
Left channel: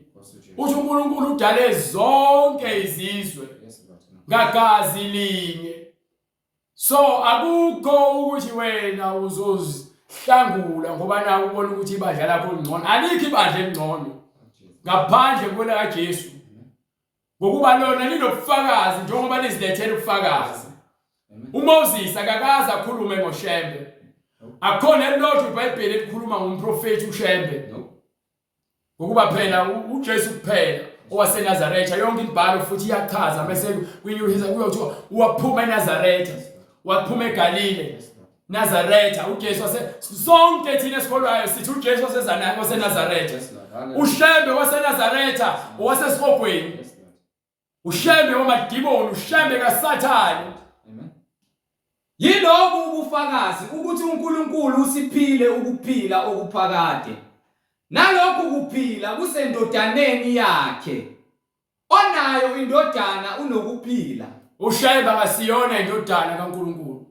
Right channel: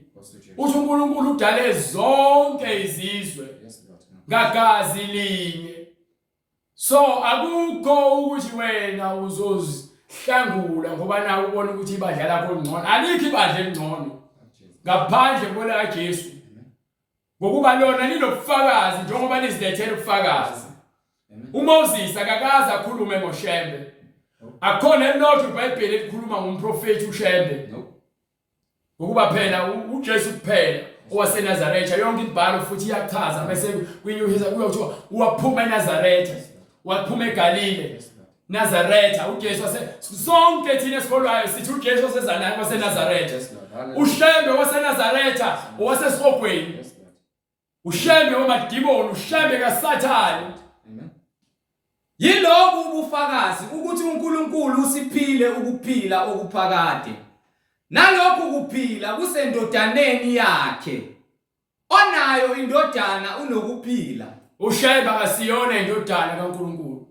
Uthi uNkulunkulu udale zonke izizwe Yes, Lord. ngagazi linye. So akukho ukuthi wena uzozihlangula ngoba nawe ubona ukuthi ibandla lakho lingcono. Alikho ibandla elingcono ngaphandle bona kaJesu. Ngokuba lona linobufakazi njengoba lizilethele ubufakazi. uMoses akakaza akhulume ngoShembe. Akhona elilodwa iBhayibheli elikhuluma ngomprofeti uShembe. Ngokuba phela uJesu kuphela owaseNazaretha yonke imibhalo futhi iyachaza bese kuyihisa kuyothiwa waphuma eNazaretha, waphuma eGalile. Nazaretha uJesu sonke thina esikholwayo sithi uJesu waseNazaretha. uShembe waseNazaretha owasesihogweni. uShembe wamadimoni, uShembe kaSathane. Yilobu ubufakazi ukuthi uNkulunkulu usiphile ukuphila okuphakade. Nalokho kuphila kusendodaneni yakhe. Onayo indodana unokuphila. uShembe akasiyona indodana kaNkulunkulu.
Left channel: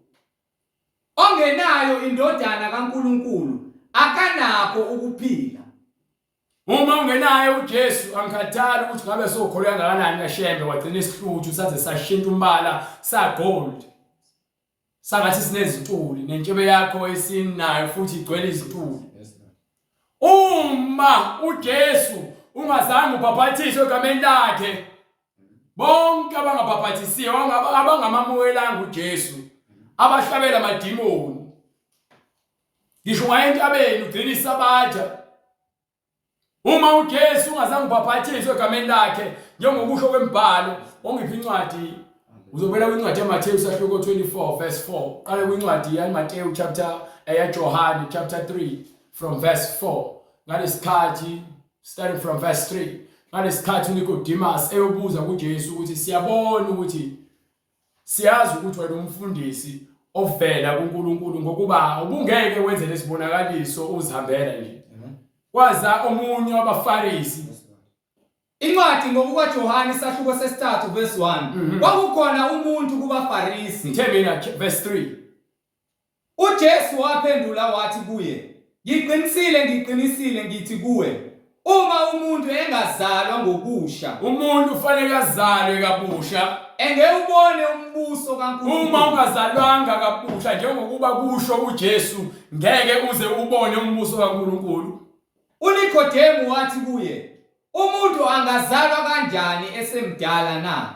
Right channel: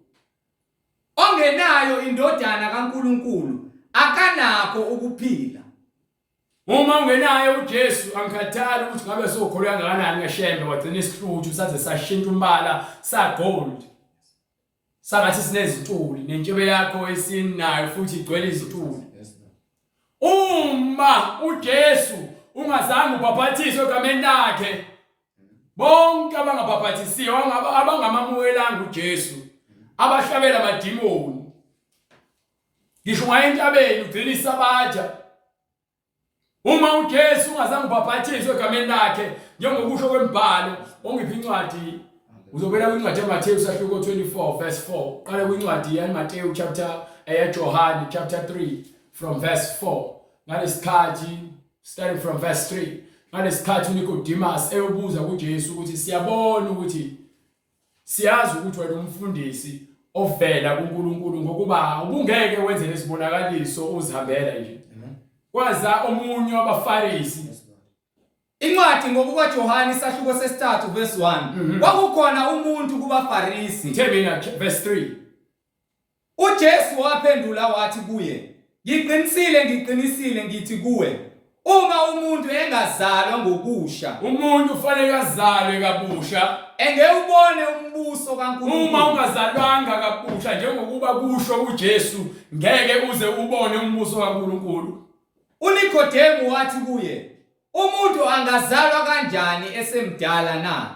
Ongenayo indodana kaNkulunkulu akanakho ukuphila. Uma ungenaye uJesu angikhathali ukuthi ngabe sokholwa kangakanani ngaShembe wagcina isihluthu saze sashintsha umbala sagold. Sangathi sinezintuli nentshebe yakho esinayo futhi igcwele izintuli. Uma uJesu ungazange ubhaphathiswe egameni lakhe, bonke abangabhaphathisiwe abangamamukelanga uJesu abahlabela amadimoni. Ngisho ngayentabeni ugcina isabatha. Uma uJesu ungazange ubhaphathiswe egameni lakhe njengokusho kwemibhalo ongiphi incwadi uzobela kwincwadi yaMathewu sahluko 24 verse 4. Qala kwincwadi yaMathewu chapter John chapter 3 from verse 4. Ngalesikhathi starting from verse 3. Ngalesikhathi uNicodemus eyobuza kuJesu ukuthi siyabona ukuthi siyazi ukuthi wena umfundisi ovela kuNkulunkulu ngokuba ubungeke wenze lesibonakaliso uzihambela nje. Kwaza omunye wabaFarisi. Incwadi ngokukaJohane sahluko sesithathu verse 1. Kwakukhona umuntu kubaFarisi. Themina verse 3. uJesu waphendula wathi kuye, ngiqinisile ngithi kuwe, uma umuntu engazalwa ngobusha, umuntu ufanele azalwe kabusha, engewubone umbuso kaNkulunkulu. Uma ungazalwanga kabusha njengokuba kusho uJesu, ngeke uze ubone umbuso kaNkulunkulu. uNikodemu wathi kuye, umuntu angazalwa kanjani esemdala na?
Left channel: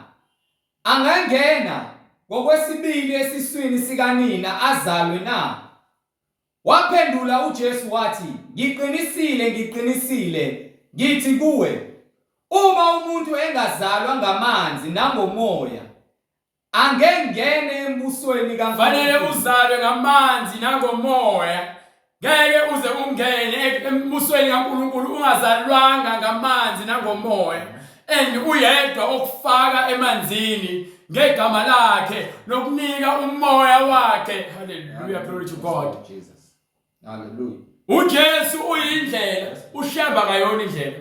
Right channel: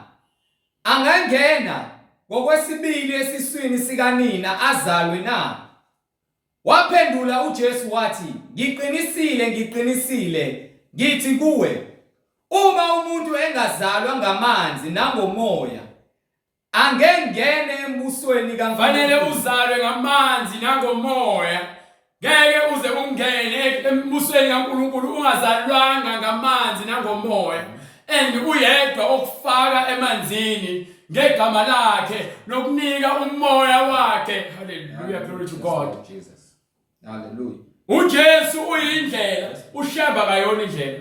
Angangena ngokwesibili esiswini sikanina azalwe na? Waphendula uJesu wathi, ngiqinisile ngithi kuwe, uma umuntu engazalwa ngamanzi nangomoya, angengene embusweni kaNkulunkulu. Fanele uzalwe ngamanzi nangomoya. Ngeke uze ungene embusweni kaNkulunkulu ungazalwanga ngamanzi nangomoya. And uyedwa okufaka emanzini ngegama lakhe nokunika umoya wakhe. Hallelujah, glory to God. Jesus. Hallelujah. uJesu uyindlela, uShembe akayona indlela.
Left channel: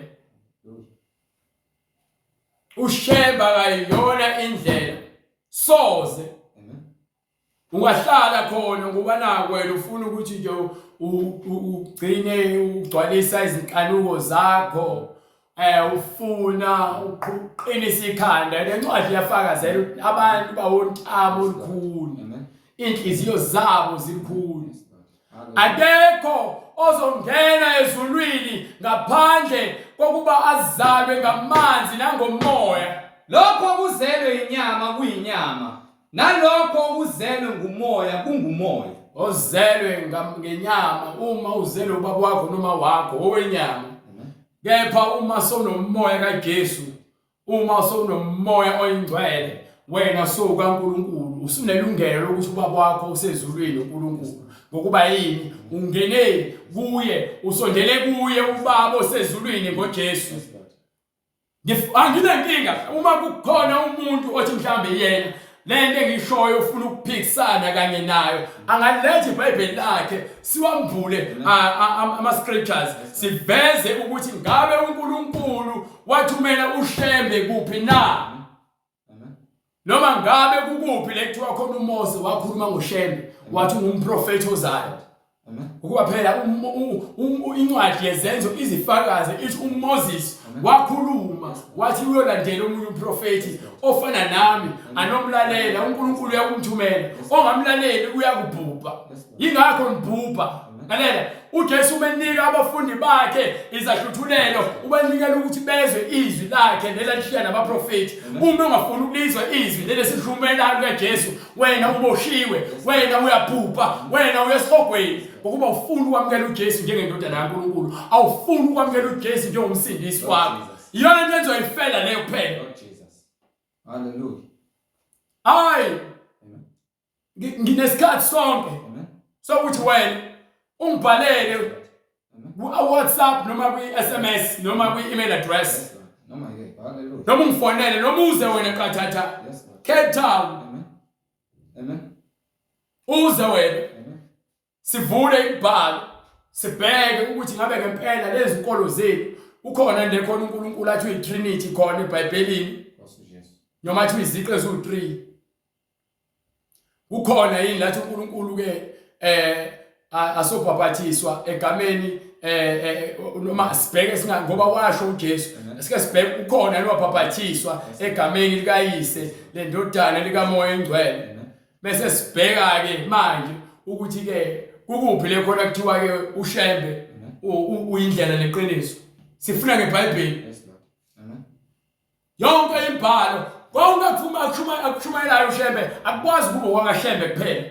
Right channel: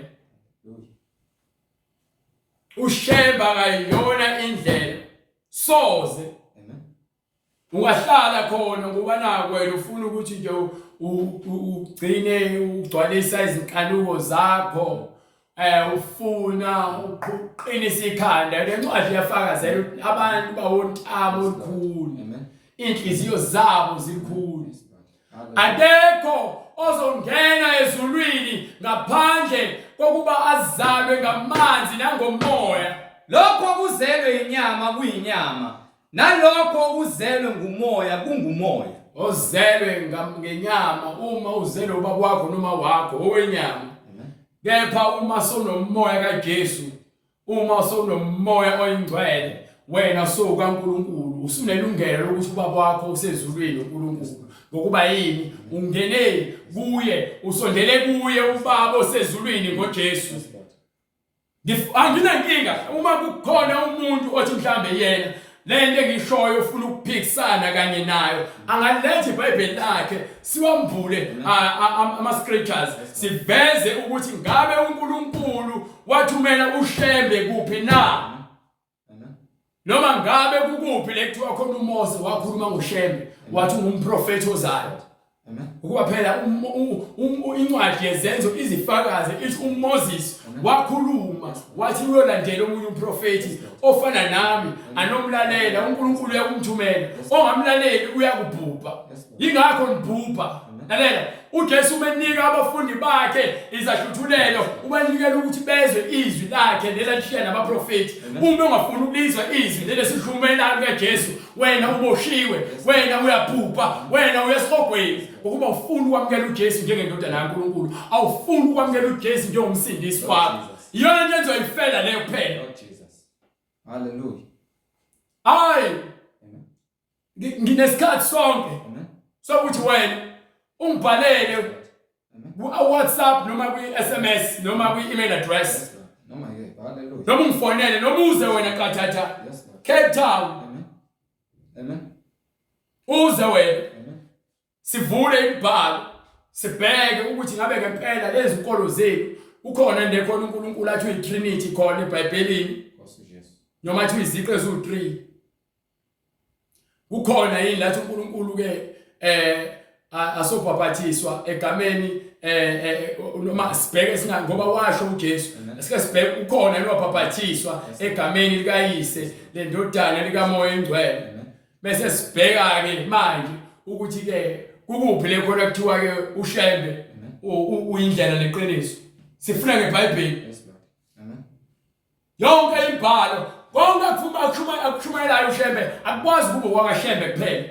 uShembe akayona indlela. Soze ungahlala khona ngoba naku wena ufuna ukuthi nje ugcine ugcwalisa izinkanuko zakho. Ufuna uqinisa ikhanda. Le ncwadi iyafakazela ukuthi abantu bawontamo olukhulu. Inhliziyo zabo zikhulu. Akekho ozongena ezulwini ngaphandle kokuba azalwe ngamanzi nangomoya. Lokho kuzelwe inyama kuyinyama, nalokho kuzelwe ngumoya kungumoya. Ozelwe ngenyama uma uzelwe ubaba wakho noma wakho owenyama. Kepha uma sonomoya kaJesu, uma sonomoya oyingcwele, wena so kaNkulunkulu usunelungelo ukuthi ubaba wakho usezulwini uNkulunkulu ngokuba yini ungene kuye usondele kuye ubaba osezulwini ngoJesu. Anginankinga uma kukhona umuntu othi mhlambe yena lento engishoyo ufuna ukuphikisana kanye nayo angalethe iBhayibheli lakhe siwambule ama scriptures siveze ukuthi ngabe uNkulunkulu wathumela ushembe kuphi na. Noma ngabe kukuphi lekuthiwa khona uMose wakhuluma ngoshembe wathi ngumprofeti ozayo. Ukuba phela incwadi yezenzo izifakaze ithi uMoses wakhuluma wathi uyolandela omunye umprofeti ofana nami anomlalela uNkulunkulu uyakumthumela ongamlaleli uyakubhubha. Yingakho ngibhubha. Lalela uJesu ubenika abafundi bakhe izahluthulelo ubanikela ukuthi bezwe izwi lakhe lelalishiya nabaprofeti. Uma ungafuni ukulizwa izwi lelesihlumelayo kaJesu wena uboshiwe wena uyabhubha wena uyesogweni ngokuba ufuna ukwamukela uJesu njengendodana kaNkulunkulu awufuni ukwamukela uJesu njengomsindisi wakho. Iyona into enzoyifela leyo kuphela. Hallelujah. Hayi nginesikhathi sonke sokuthi wena ungibhalele WhatsApp noma kwi-SMS noma kwi-email address Noma ke. Hallelujah. noma ungifonele noma uze wena Kathatha Cape Town. Amen. Uze wena Amen. sivule ibhalo sibheke ukuthi ngabe ngempela lezi inkolo zethu ukhona nje khona uNkulunkulu athi uyiTrinity khona eBhayibhelini noma athi uyiziqe ezu3 kukhona yini lathi uNkulunkulu ke asobhabhathiswa egameni noma sibheke singa ngoba washo uJesu sike sibheke ukhona lobhabhathiswa egameni likaYise lendodana likaMoya eNgcwele bese sibheka ke manje ukuthi ke kukuphi le khona kuthiwa ke ushembe uyindlela neqiniso sifuna ngeBhayibheli. Yonke imbhalo konke akushumayelayo ushembe akwazi ukuba wakashembe kuphela.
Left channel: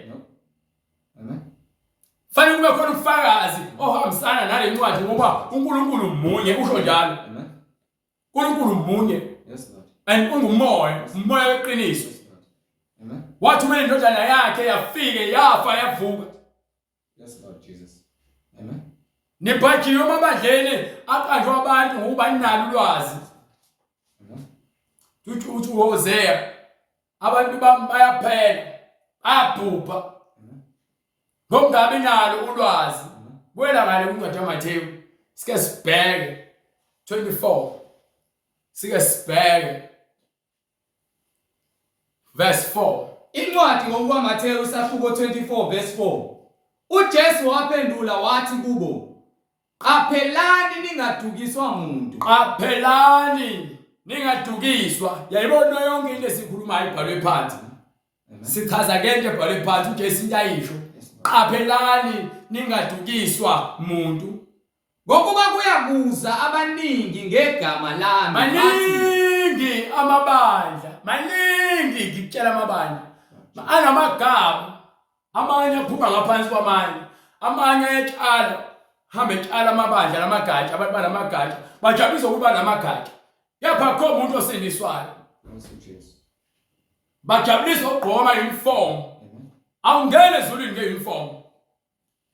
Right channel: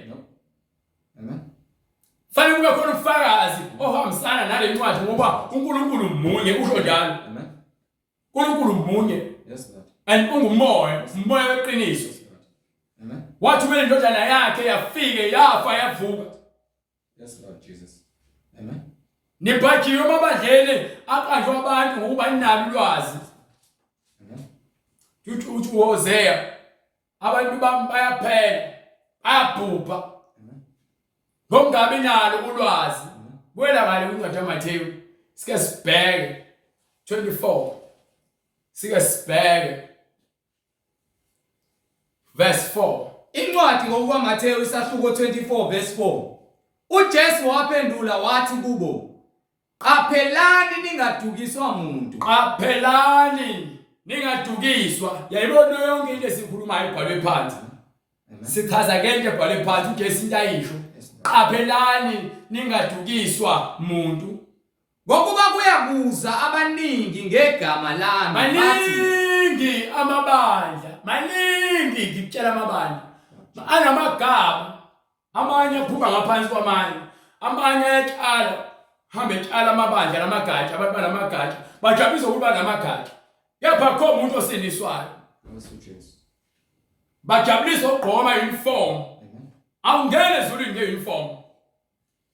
Fanele kube khona ubufakazi ohambisana nale ncwadi ngoba uNkulunkulu munye usho njalo. uNkulunkulu munye. Yes Lord. And ungumoya, umoya weqiniso. Amen. Wathumela indodana yakhe yafike yafa yavuka. Yes Lord Jesus. Amen. Nibhajiwe amabandleni aqanjwe abantu ngokuba ninalo ulwazi. Amen. Uthi uHosea abantu bayaphela ayabhubha. Ngokungabi nalo ulwazi. Kwela ngale uncwadi kaMathewu sike sibheke 24 sike sibheke verse 4. Incwadi ngokukaMathewu isahluko 24 verse 4. uJesu waphendula wathi kubo, qaphelani ningadukiswa umuntu. Qaphelani ningadukiswa. Yayibona yonke into esikhulumayo ibhalwe phansi. Sichaza ke into ebhalwe phansi uJesu into ayisho. Qaphelani ningadukiswa umuntu. Ngokuba kuyakuza abaningi ngegama lami Maningi amabandla, maningi ngikutshela amabandla. Anamagama, amanye aphuma ngaphansi kwamanye, amanye ayaqala, hambe etshala amabandla lamagatsha, abantu balamagatsha, bajabulisa ukuba namagatsha. Kepha akho umuntu osindiswayo. Bajabulisa ukugqoma uniform. Awungene ezulwini ngeuniform.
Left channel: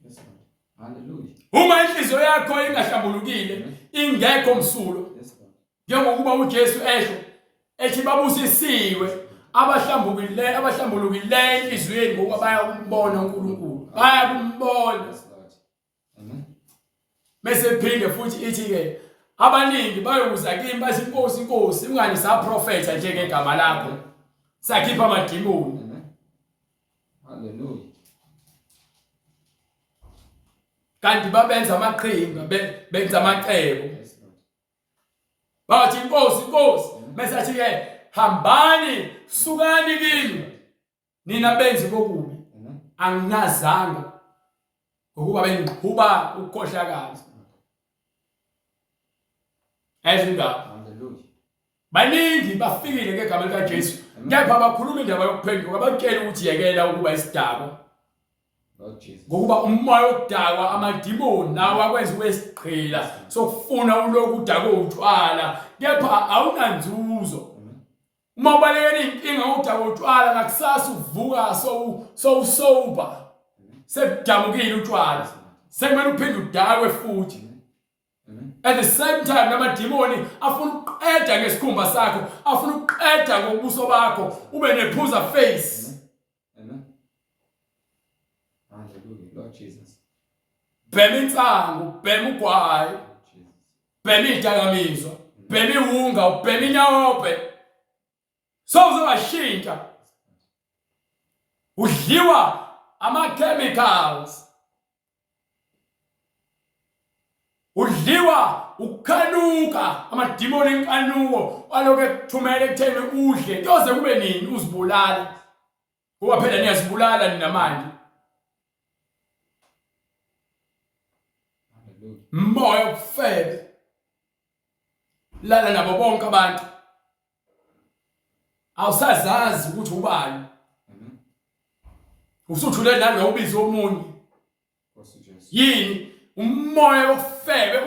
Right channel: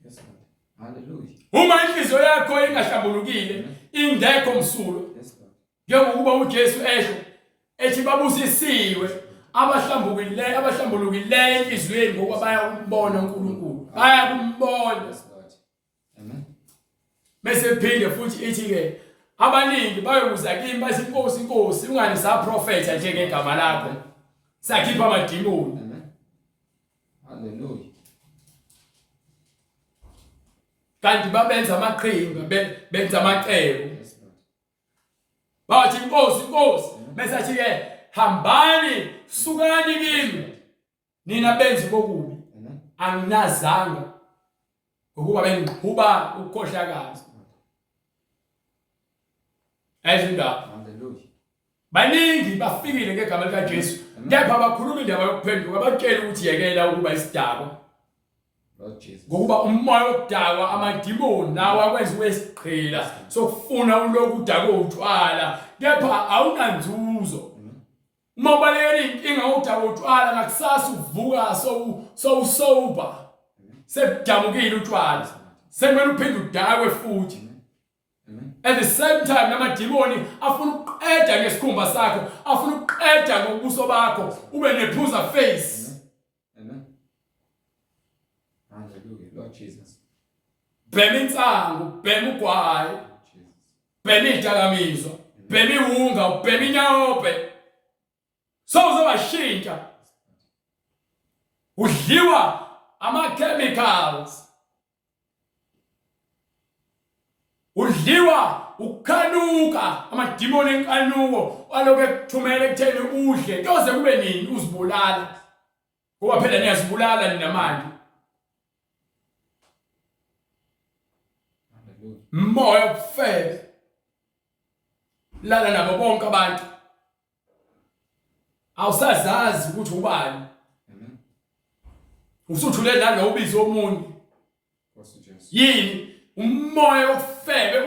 Yes Lord. Hallelujah. Uma inhliziyo yakho ingahlambulukile, ingekho msulo. Yes Lord. Njengokuba uJesu esho ethi babusisiwe abahlambulukileyo enhliziyweni ngoba bayakumbona uNkulunkulu. Bayakumbona. Yes Lord. Amen. Bese phinde futhi ithi ke abaningi bayokuza kimi bathi Nkosi Nkosi ungani saprofeta nje ngegama lakho. Sakhipha amadimoni. Amen. Hallelujah. Kanti babenza amaqhinga benza amacebo. Yes Lord. Bathi Nkosi Nkosi bese athi ke hambani sukani kimi nina benzi bokubi. Amen. Anginazanga ngokuba bengiqhuba ukukhohlakazi. Ezindaba Hallelujah. baningi bafikile ngegama likaJesu kepha bakhuluma indaba yokuphenduka batshela ukuthi yekela ukuba isidakwa. Lord Jesus. Ngokuba umoya wokudakwa amadimoni nawo akwenza wesiqhila sokufuna ulokhu udakwa utshwala kepha awunanzuzo. uma ubalekela inkinga udaba utshwala ngakusasa uvuka so sober sebujamukile utshwala sekumele uphinde udakwe futhi. At the same time namadimoni afuna ukuqeda ngesikhumba sakho, afuna ukuqeda ngobuso bakho ube nephuza face. Amen. Hallelujah, Lord Jesus. Bhema insangu, bhema ugwayi, bhema idakamizwa, bhema iwunga, bhema inyawope. So uzobashintsha. Udliwa ama-chemicals. Udliwa ukukhanuka, amadimoni enkanuko aloku ekuthumela ekutheni udle kuze kube nini uzibulala. Kuba phela niyazibulala nina manje. Moya okufebe. Lala nabo bonke abantu. Awusazazi ukuthi ubani. Usuthule nanobizo omunye. Yini? Umoya ofebe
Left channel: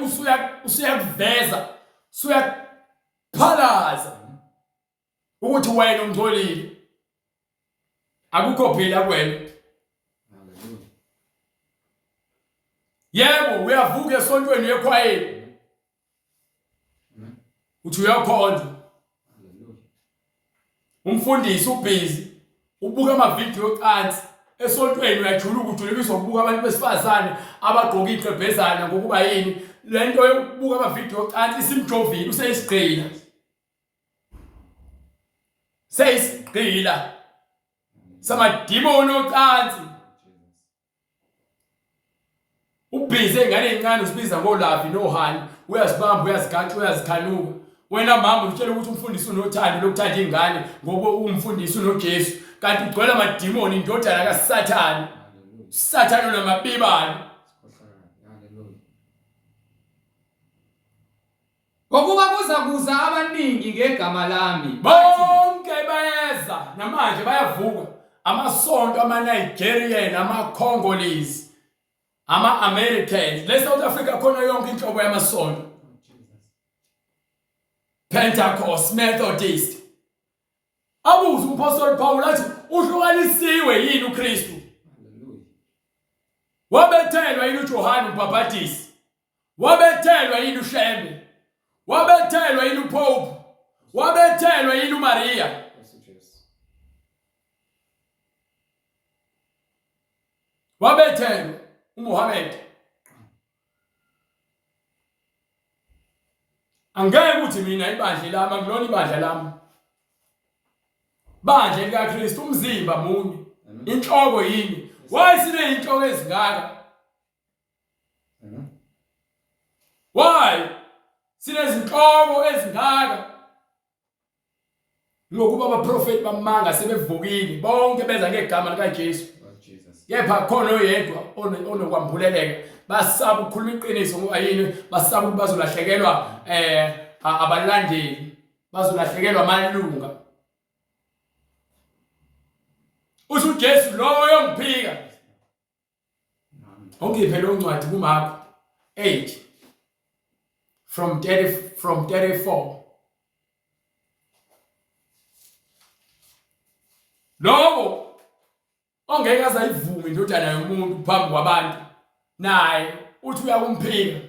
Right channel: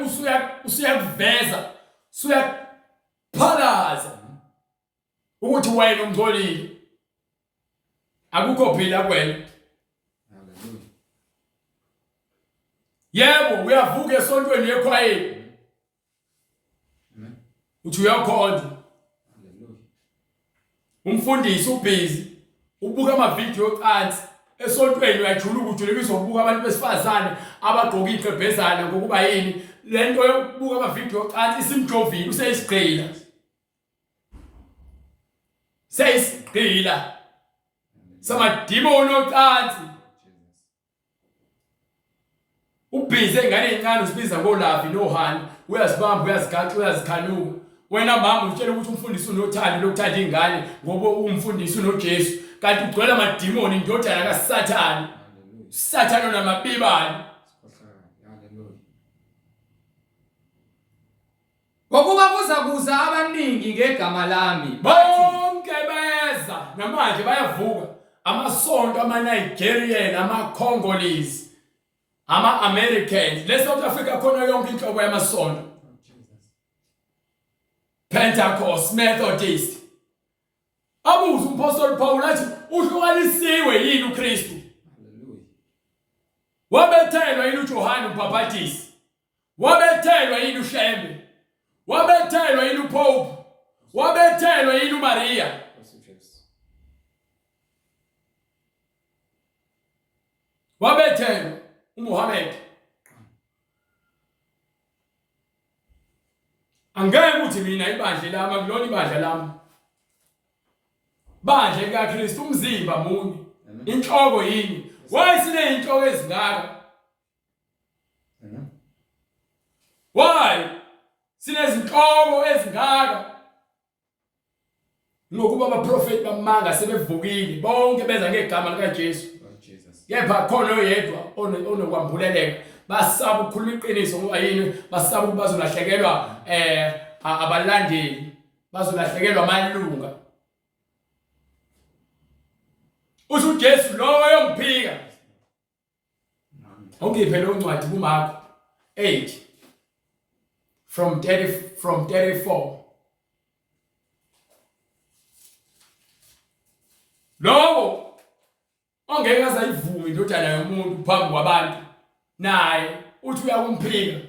usuyakuveza, usuyaphalaza ukuthi wena ungcolile. Akukho phela kuwena. Hallelujah. Yebo uyavuka esontweni ekhwayeni. Uthi uyakhonza. Hallelujah. Umfundisi ubhizi ubuka ama video cansi esontweni uyajula ukuthi uzobuka abantu besifazane abagqoka iqebhezana ngokuba yini lento yokubuka ama video cansi isimjovile useyisigqila. Seyisigqila. Samadimoni ocansi. Ubhizi engane encane usibiza ngolavi nohani, uyazibamba uyazigaxa uyazikhanuka. Wena mama utshela ukuthi umfundisi unothando lokuthanda ingane ngoba umfundisi unoJesu, kanti ugcwele amadimoni indodana kaSathane. Sathane namabibani. Hallelujah. Ngokuba kuza abaningi ngegama lami. Bonke bayeza namanje bayavuka. Amasonto ama-Nigerian, ama-Congolese, ama-Americans. Le-South Africa khona yonke inhlobo yamasonto. Pentecost, Methodist. Abuza umpostoli Paul athi uhlukanisiwe yini uKristu? Hallelujah. Wabethelwa yini uJohane uMbhaphatisi? Wabethelwa yini uShembe? Wabethelwa yini uPope? Wabethelwa yini uMaria? Wabethelwa uMuhammad? Angeke ukuthi mina ibandla lami akulona ibandla lami. Bandla likaKristu umzimba munye. Inhloko yini? Wayisine inhloko ezingaka. Why? Sinezinhloko ezingaka. Ngokuba abaprofeti bamanga sebevukile bonke beza ngegama likaJesu. Kepha khona oyedwa onokwambuleleka. Basaba ukukhuluma iqiniso ngoba yini basaba ukuthi bazolahlekelwa abalandeli, bazolahlekelwa amalunga. Uthi uJesu loyo ngiphika. Ongiphe lo ncwadi kuMark 8 from 34. Lokho ongeke azayivume indodana yomuntu phambi kwabantu naye uthi uyakumphika.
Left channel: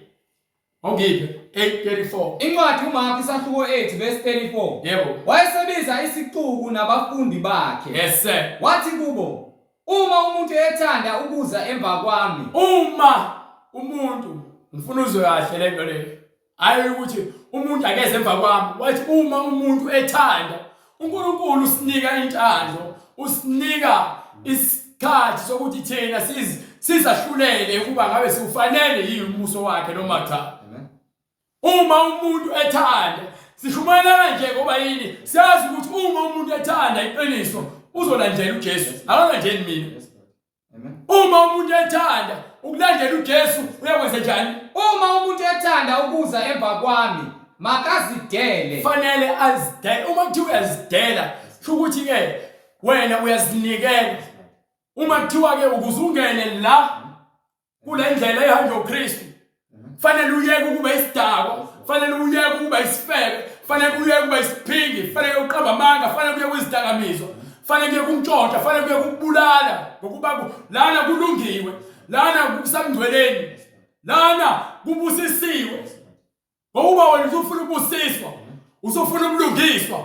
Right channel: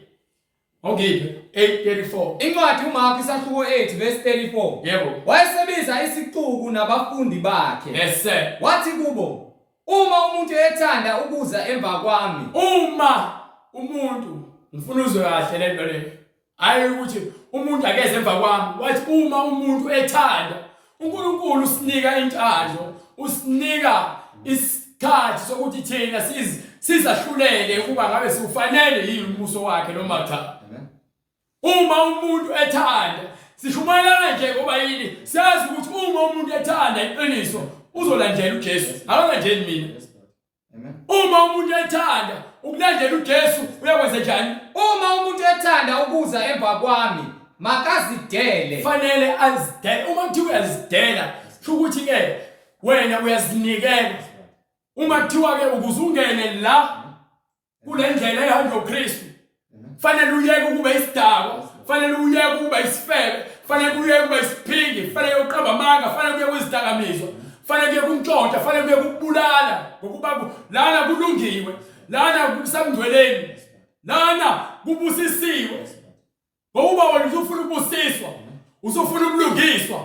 Ongiphe 8:34. Incwadi uMark isahluko 8 verse 34. Yebo. Wayesebiza isixuku nabafundi bakhe. Yes sir. Wathi kubo, uma umuntu ethanda ukuza emva kwami. Uma umuntu ngifuna uzwe kahle lento le. Hayi ukuthi umuntu akeze emva kwami. Wathi uma umuntu ethanda, uNkulunkulu usinika intando, usinika isikhathi sokuthi thina sizahlulele ukuba ngabe siufanele yini umuso wakhe noma cha. Uma umuntu ethanda, sishumayela nje ngoba yini siyazi ukuthi uma umuntu ethanda iqiniso uzolandela uJesu, akalandeli mina. Amen. Uma umuntu ethanda ukulandela uJesu uyakwenza njani? Uma umuntu ethanda ukuza emva kwami, makazidele. Fanele azidele. Uma kuthiwa uyazidela, kusho ukuthi ke wena uyazinikela. Uma kuthiwa ke ukuzungene la kule ndlela ehamba uKristu, fanele uyeke ukuba isidakwa, fanele uyeke ukuba isifebe, fanele kuye kuba isiphingi, fanele uqamba amanga, fanele kuye kwizidakamizwa, fanele kuye kumtshontsha, fanele kuye kubulala ngokuba lana kulungiwe, lana kusamngcweleni, lana kubusisiwe. Ngoba wena usufuna ukubusiswa, usufuna ubulungiswa,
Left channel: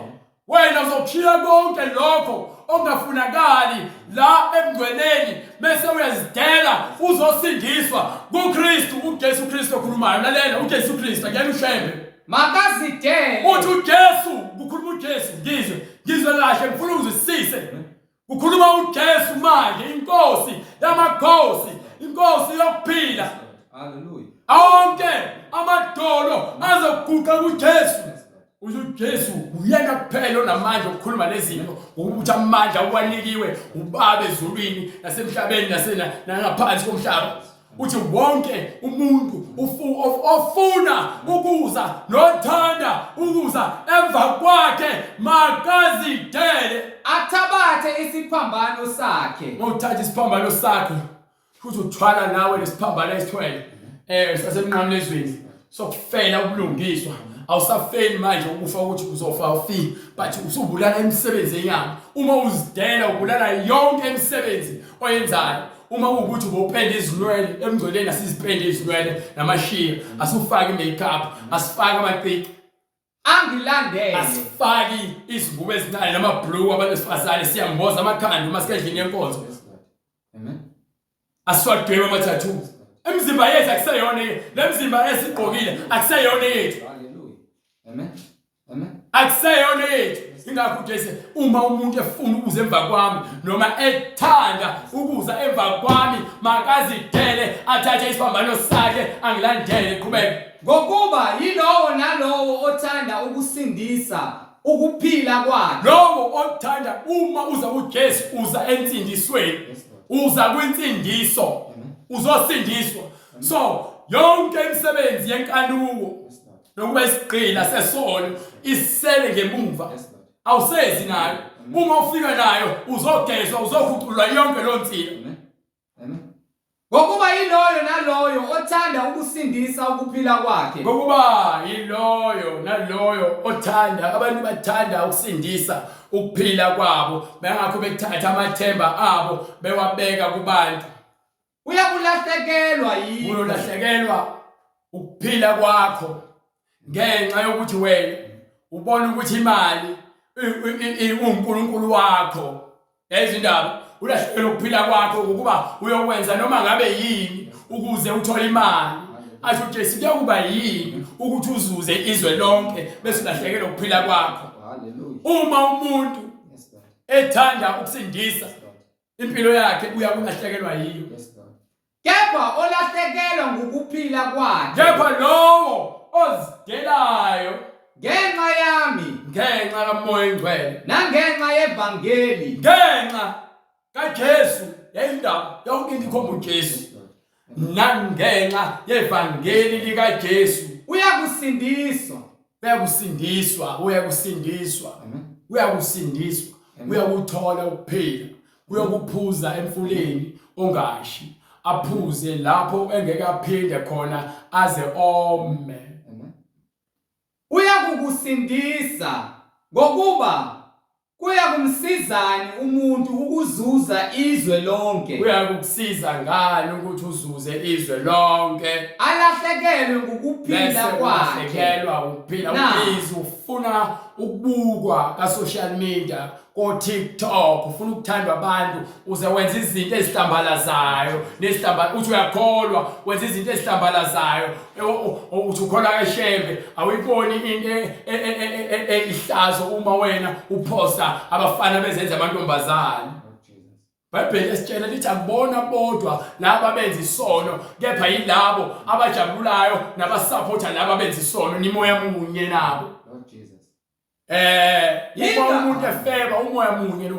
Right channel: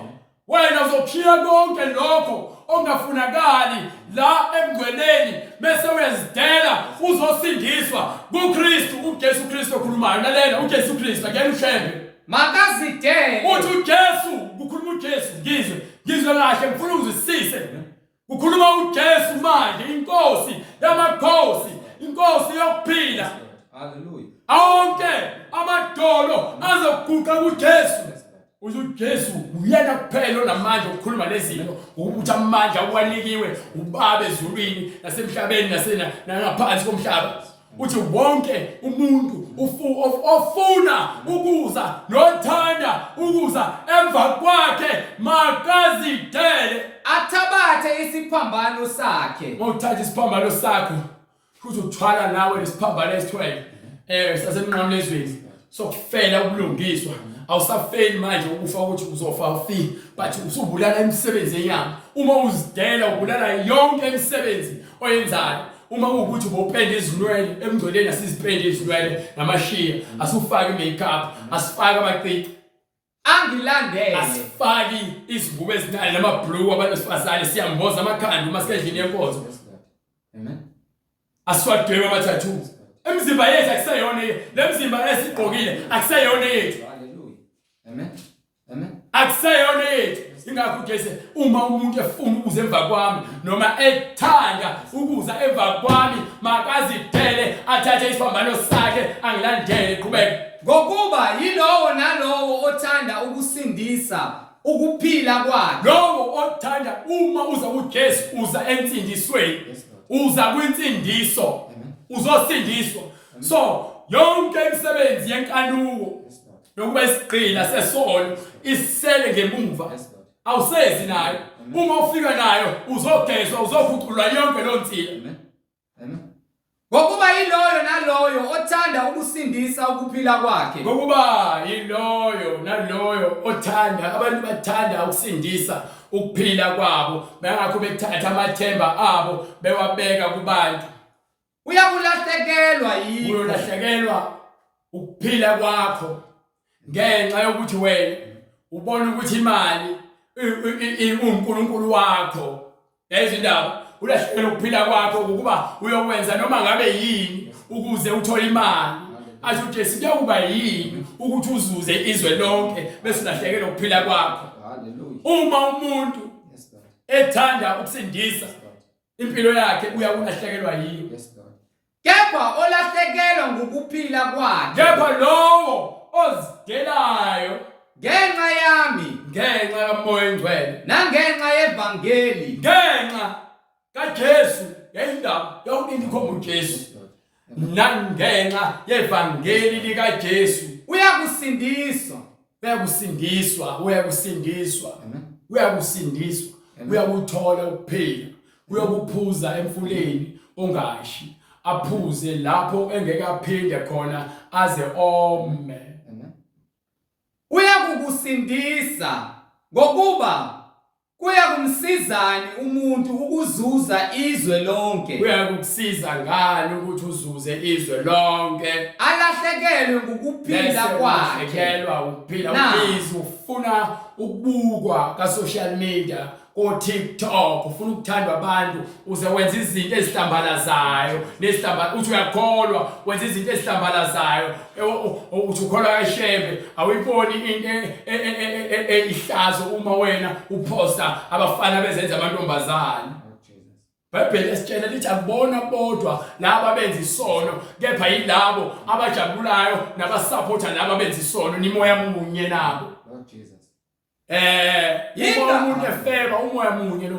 wena uzokhiya konke lokho ongafunakali la emngcweleni bese uyazidela uzosindiswa kuKristu, uJesu Kristu okhulumayo. Lalela uJesu Kristu akuyena ushembe. Makazidele. Uthi uJesu, kukhuluma uJesu, ngizwe kahle ngifuna uzwisise. Kukhuluma uJesu manje, inkosi yamakhosi, inkosi yokuphila. Hallelujah. Onke amadolo azoguqa kuJesu. uJesu uyena kuphela onamandla okukhuluma lezinto, ukuthi amandla uwanikiwe ubaba ezulwini nasemhlabeni nangaphansi komhlaba. Uthi wonke umuntu ofuna ukuza nothanda ukuza emva kwakhe makazidele, athabathe isiphambano sakhe. Mawuthatha isiphambano sakho futhi uthwala nawe lesiphambano esithwele sasemnqamlezweni sokufela ubulungiswa. Awusafeli manje ukufa ukuthi uzofa ufi, but usubulala emsebenzini yakho. Uma uzidela ubulala yonke imisebenzi oyenzayo. Uma ukuthi ubopenda izinwele emngcweleni, asizipende izinwele namashiya, asufaki makeup, asifaki amacici, Angilandele. asifaki izingubo ezincane namablue abantu besifazane siyamboza amakhanda uma sikendlini yenkonzo. Amen. Asifaki ama-tattoo. Emzimba yethu akuseyona le mzimba esigqokile akuseyona yethu. Hallelujah. Amen. Amen. Akuseyona yethu. Ingakho Jesu uma umuntu efuna ukuza emva kwami noma ethanda ukuza emva kwami makazidele, athathe isiphambano sakhe angilandele qhubeka. Ngokuba yilowo nalowo othanda ukusindisa ukuphila kwakhe. Lowo othanda uma uza kuJesu uza entsindisweni, uza kwinsindiso, uzosindiswa. So yonke imisebenzi yenkanuko nokuba isigqila sesono isele ngemuva, awusezi nayo. Uma ufika nayo uzogezwa, uzokhuculwa yonke lo nsila. Amen. Ngokuba yiloyo naloyo othanda ukusindisa ukuphila kwakhe. Ngokuba yiloyo naloyo othanda, abantu bathanda ukusindisa ukuphila kwabo, bengakho bethatha amathemba abo bewabeka kubantu. Uyakulahlekelwa yini? Uyolahlekelwa ukuphila kwakho ngenxa yokuthi wena ubona ukuthi imali uNkulunkulu wakho. Izindaba ulahlekelwa ukuphila kwakho ukuba uyokwenza noma ngabe yini ukuze uthole imali. Asho uJesu kuyokuba yini ukuthi uzuze izwe lonke bese ulahlekelwa ukuphila kwakho. Hallelujah. Uma umuntu Yes, God. ethanda ukusindisa impilo yakhe uyakulahlekelwa yiyo. Yes, God. Kepha olahlekelwa ngokuphila kwakhe Kepha lowo ozidelayo ngenxa yami ngenxa kaMoya Oyingcwele, nangenxa yevangeli, ngenxa kaJesu, yayindaba yonke ikhomba uJesu, nangenxa yevangeli likaJesu uyakusindiswa. uyakusindiswa, Amen. uyakusindiswa, uyakuthola ukuphila, uyakuphuza emfuleni ongashi, aphuze lapho engeke aphinde khona aze ome. Amen. Uyakukusindisa ngokuba kuyakumsizani umuntu ukuzuza izwe lonke, Uyakukusiza ngani ukuthi uzuze izwe lonke, alahlekelwe ngokuphila kwakhe. ulahlekelwa ukuphila. Na. Ubizi ufuna ukubukwa ka-social media, ko-TikTok, ufuna ukuthandwa abantu uze wenza izinto ezihlambalazayo uthi uyakholwa wenza izinto ezihlambalazayo, uthi ukholwa kaShembe awuyiboni into ihlazo uma wena uphosta abafana bezenza amantombazane. Lord Jesus. iBhayibheli esitshela lithi akubona bodwa laba benza isono, kepha yilabo abajabulayo nabasupporta laba benza isono, nimoya munye nabo. Lord Jesus. Uma umuntu efeba umoya munye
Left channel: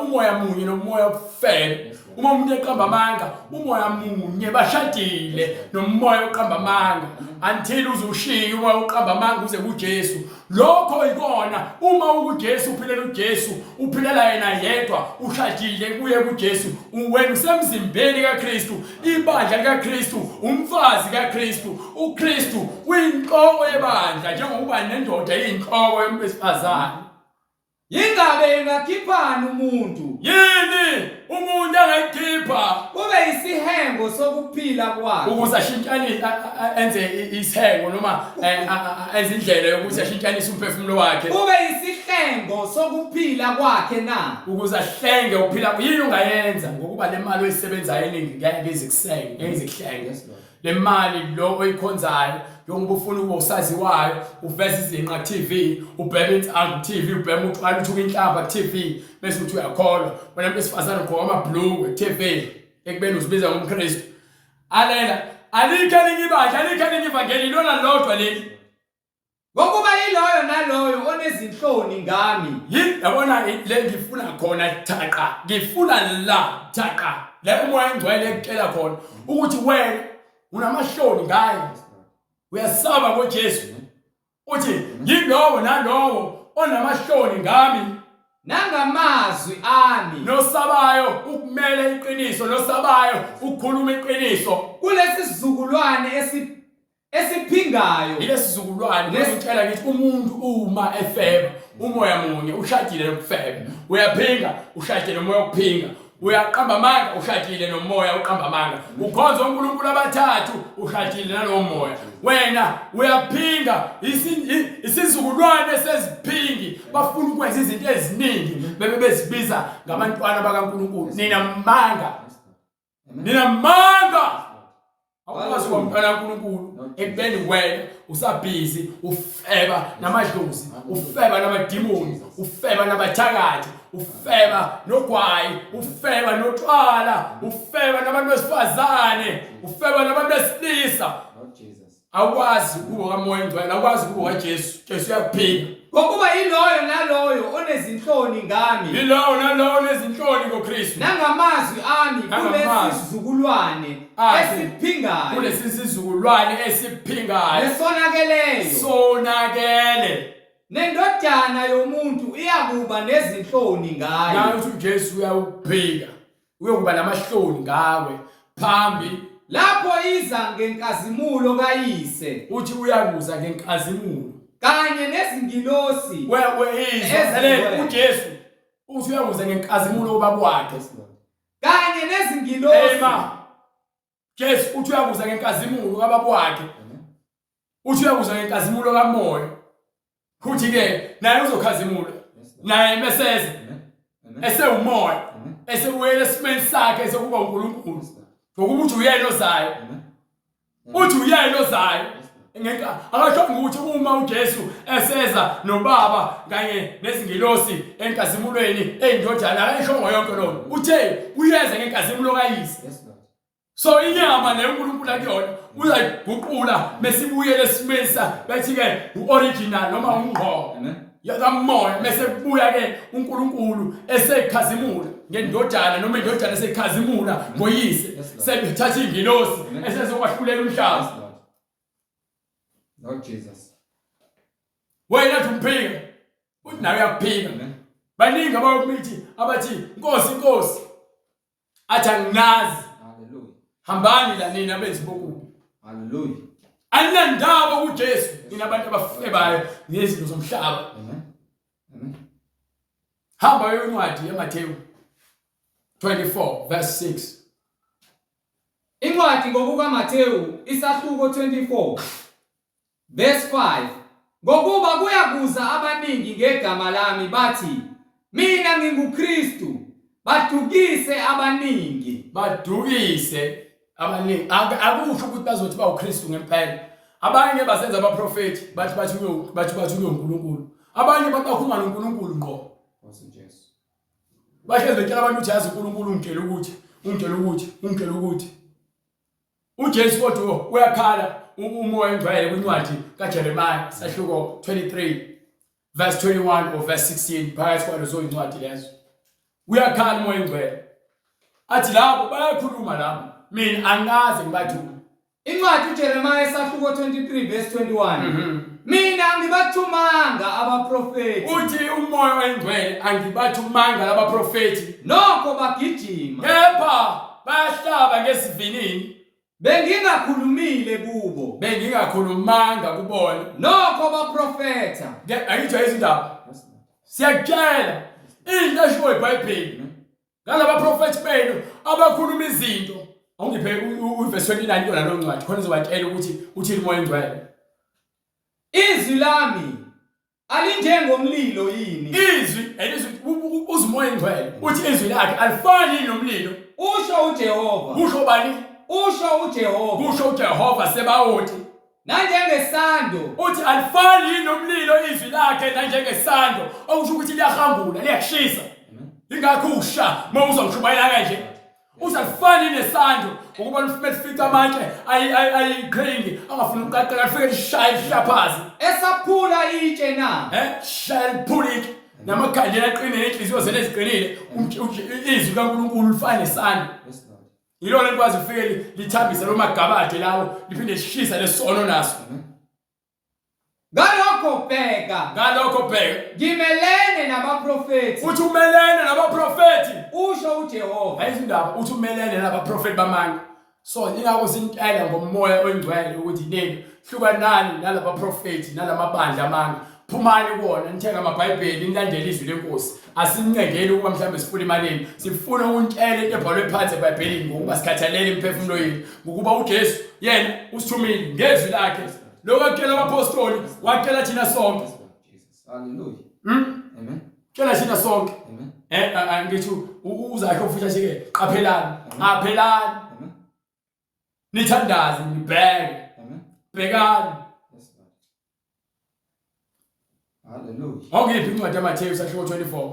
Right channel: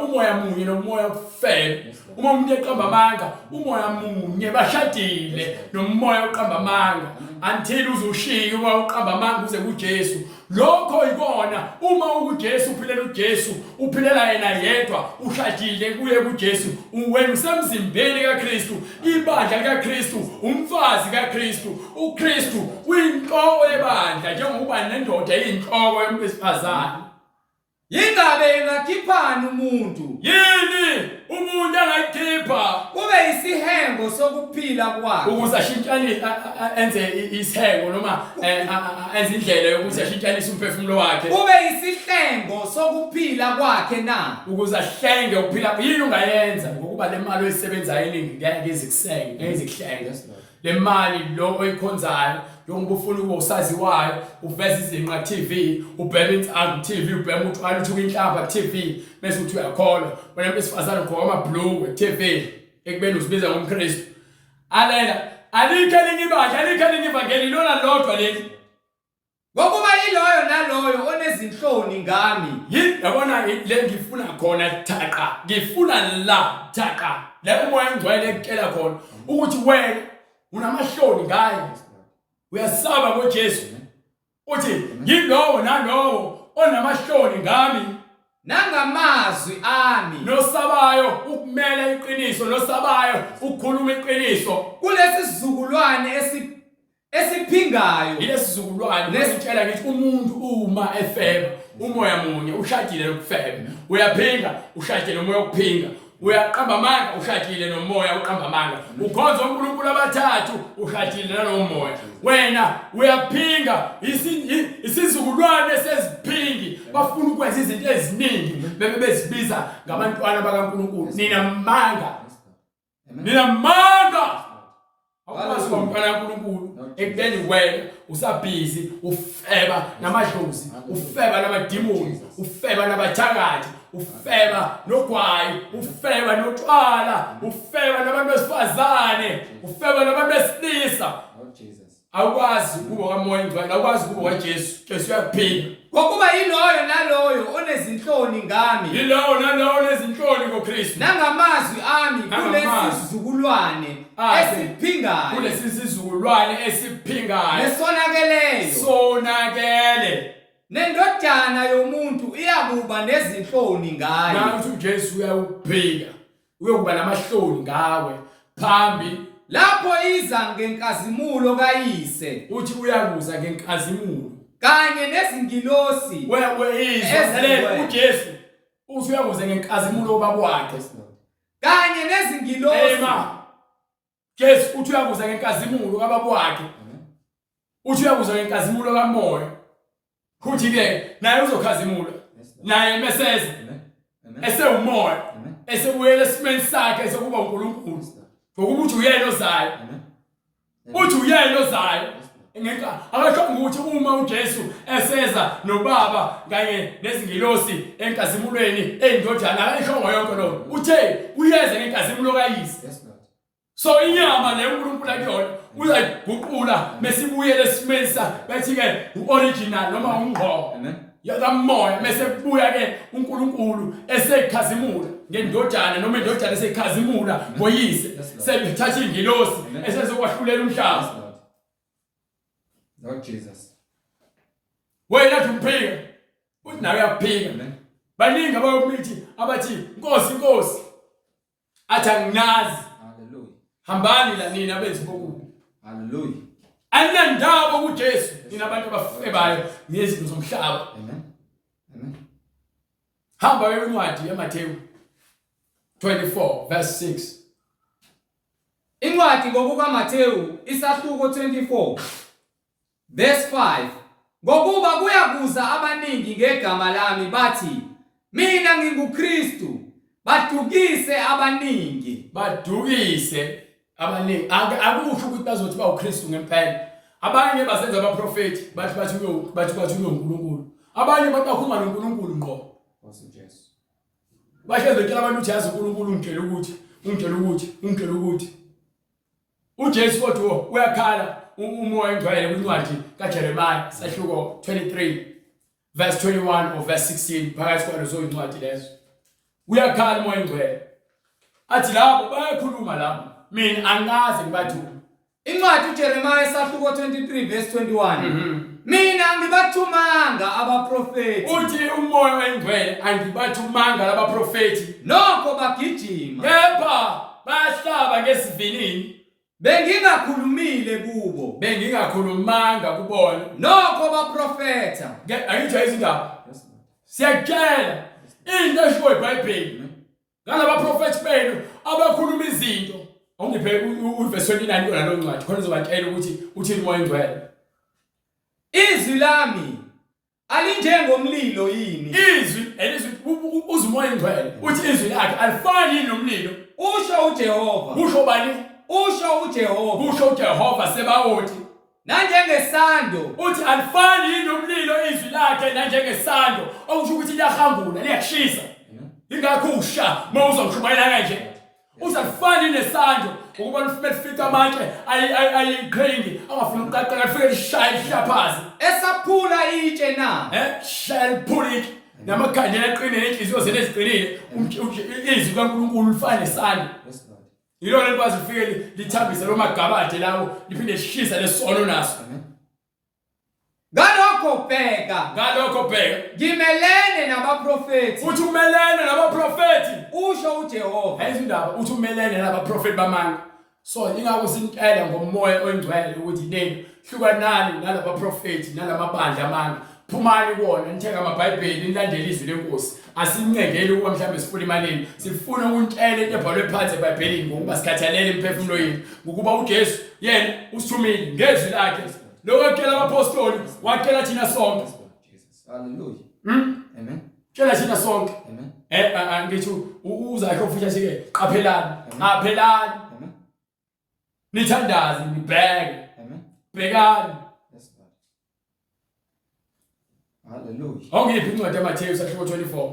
umoya munye nomoya ofeba. Uma umuntu eqamba amanga umoya munye bashadile nomoya oqamba amanga, until uzushiya umoya oqamba amanga uze kuJesu lokho ikona uma uJesu uphilela uJesu uphilela yena yedwa ushadile kuye kuJesu wena usemzimbeni kaKristu ibandla likaKristu umfazi kaKristu uKristu uyinhloko yebandla njengokuba nendoda iyinhloko yomfazane Yingabe engakhiphani umuntu yini umuntu angayikhipha kube isihengo sokuphila kwakhe ukuze ashintshanise enze isihengo noma enze indlela yokuthi ashintshanise umphefumulo wakhe kube isihlengo sokuphila kwakhe na ukuze ahlenge ukuphila yini ungayenza ngokuba le mali oyisebenzayo eningi ngeke izihlenge le mali lo oyikhonzayo yonke ufuna ukuba usaziwayo uveza izinqa TV ubhema insangu TV ubhema utshwala uthuka inhlamba TV bese uthi uyakholwa wena besifazana ugqoka amabhlungu TV ekubeni uzibiza ngomKristu alela alikho elinye ivangeli lona lodwa leli ngokuba yiloyo naloyo onezinhloni ngami yabona le ngifuna khona thaqa ngifuna la thaqa la umoya engcwele ekutshela khona ukuthi wena unamahloni ngaye uyasaba ngoJesu uthi yilowo nalowo onamahloni ngami nangamazwi ami nosabayo ukumela iqiniso nosabayo ukukhuluma iqiniso kulesi sizukulwane esiphingayo ilesi sizukulwane nesitshela ngithi umuntu uma efeba umoya munye ushadile lokufeba uyaphinga ushadile nomoya wokuphinga uyaqamba amanga ushadile nomoya uqamba amanga ukhonza uNkulunkulu abathathu ushadile nalomoya wena uyaphinga isizukulwane seziphingi bafuna ukwenza izinto eziningi bebe bezibiza ngabantwana bakaNkulunkulu nina manga awukwazi umntwana kaNkulunkulu ekubeni wena usabhizi ufeba namadlozi ufeba namadimoni ufeba nabathakathi ufeba nogwayi ufeba notshwala ufeba nabantu besifazane ufeba nabantu besilisa awukwazi ukuba kamoya engcwele awukwazi ukuba kaJesu uyakuphinga ngokuba yiloyo naloyo onezinhloni ngami yiloyo naloyo onezinhloni ngoKristu nangamazwi ami kulesi sizukulwane esiphingayo kulesi sizukulwane esiphingayo sonakele nendodana yomuntu iyakuba nezinhloni ngayo nathi uJesu uyawuphinga uyokuba namahloni ngawe phambi lapho iza ngenkazimulo kayise uthi uyakuza ngenkazimulo kanye nezingilosi izwa uJesu uthi uyakuza ngenkazimulo obaba wakhe kanye nezingilosi Jesu uthi uyakuza ngenkazimulo kababa wakhe uthi uyakuza ngenkazimulo kamoya kuthi ke naye uzokhazimula naye meseze esewumoya esewuyela esimeni sakhe sokuba uNkulunkulu ngokuba uthi uyena ozayo uthi uyena ozayo ngeke akasho ukuthi uma uJesu eseza nobaba kanye nezingilosi enkazimulweni eyindodana akayishongo yonke lo uthe uyeza ngenkazimulo kayise so inyama le uNkulunkulu akuyona uyayiguqula mesibuyele esimesa bathi ke uoriginal noma ungqo yakamoya mase kubuya ke uNkulunkulu esekhazimula ngendodana noma indodana esekhazimula ngoyise sebethatha ingilosi esezokwahlulela umhlaba Lord Jesus wena umphinga uthi nawe uyaphinga baningi abayokumithi abathi Nkosi athi anginazi hallelujah hambani la nina bezibokubi hallelujah anandaba kuJesu nina abantu abafebayo ngezinto zomhlaba amen hamba encwadi yaMathewu 24 verse 6 incwadi ngokukaMathewu isahluko 24 verse 5 ngokuba kuyakuza abaningi ngegama lami bathi mina nginguKristu badukise abaningi akusho ukuthi bazothi bawuKristu ngempela abanye basenza abaprofeti bathi uNkulunkulu abanye bakhuluma noNkulunkulu ngqo Jesu bahleze tshela abantu ukuthi yazi uNkulunkulu ungitshela ukuthi uJesu kodwa uyakhala umoya engcwele kwincwadi kaJeremiah sahluko 23 verse 21 or verse 16 phakathi kwalezo incwadi lezo uyakhala umoya engcwele athi labo bayakhuluma labo mina angaze ngibathume incwadi uJeremiah sahluko 23 verse 21 mina ngibathumanga abaprofeti uthi umoya oyingcwele angibathumanga laba profeti nokho bagijima kepha bayahlaba ngesivinini bengingakhulumile kubo bengingakhulumanga kubona nokho baprofeta angijwa izindaba siyakutshela into eshiwo iBhayibheli ngalaba profeti benu abakhuluma izinto ongiphe uverse 29 yona lo ncwadi khona uzobatshela ukuthi uthini umoya oyingcwele izwi lami alinjengomlilo yini izwi uzumoya oyingcwele uthi izwi lakhe alifani nomlilo usho uJehova kusho bani usho uJehova kusho uJehova sebawuthi nanjengesando uthi alifani nomlilo izwi lakhe nanjengesando okusho ukuthi liyahambula liyakushisa ingakho usha mawuzongishumayela kanje usalifani nesando ukuba lifumele sifica amatshe ayikringi angafuna ukuqaqela lifike lishaya lishaphazi esaphula itshe na shaya liphula itshe namakhandela aqinile nenhliziyo zenu eziqinile izwi likaNkulunkulu lifana nesando yilona likwazi lifike lithambise lo magabade lawo liphinde lishisa lesono naso ngalokho bheka ngimelene nabaprofeti uthi umelene nabaprofeti usho uJehova ayizindaba uthi umelene nabaprofeti bamanga so ingakho sintela ngomoya oyingcwele ukuthi nini hlukanani nalabaprofeti nalamabandla amanga phumani kuona nithenga amaBhayibheli nilandele izwi lenkosi asincedeli ukuba mhlawumbe sifuna imalini sifuna ukuntshela into ebhalwe phansi eBhayibhelini ngokuba sikhathalele emphefumulweni ngokuba uJesu yena usithumile ngezwi lakhe lo wakela abapostoli wakela thina sonke Hallelujah. Amen. tshela thina sonke Amen. ngithi uzasho futhi asike qaphelani aphelani nithandaze nibheke bhekani Hallelujah. ongiphi incwadi yaMatheyu isahluko 24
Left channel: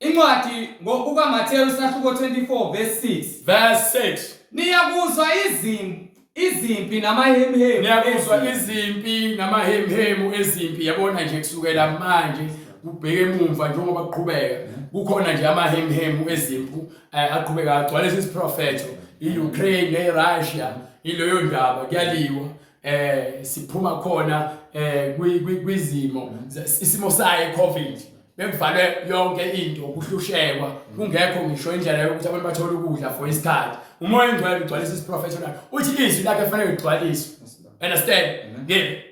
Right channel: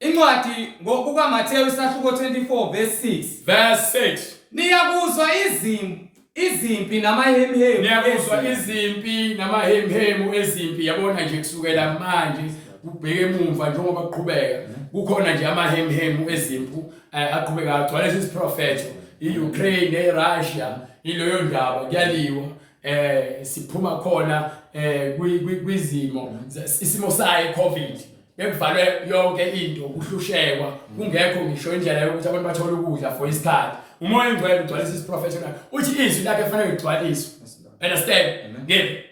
incwadi ngokukaMatheyu isahluko 24 verse 6 verse 6 niyakuzwa izimpi namahemhemu niyakuzwa izimpi namahemhemu ezimpi yabona nje kusukela manje ubheke emumva njengoba kuqhubeka kukhona nje amahemhemu ezimpu aqhubeka agcwala isiprofeto iUkraine neRussia iloyo ndaba kuyaliwa siphuma khona kwizimo isimo saye COVID bekuvalwe yonke into ukuhlushekwa kungekho ngisho indlela yokuthi abantu bathole ukudla for isikhathi umoya oyingcwele ugcwalisa isiprofeto uthi izwi lakhe kufanele ligcwaliswe understand ngeke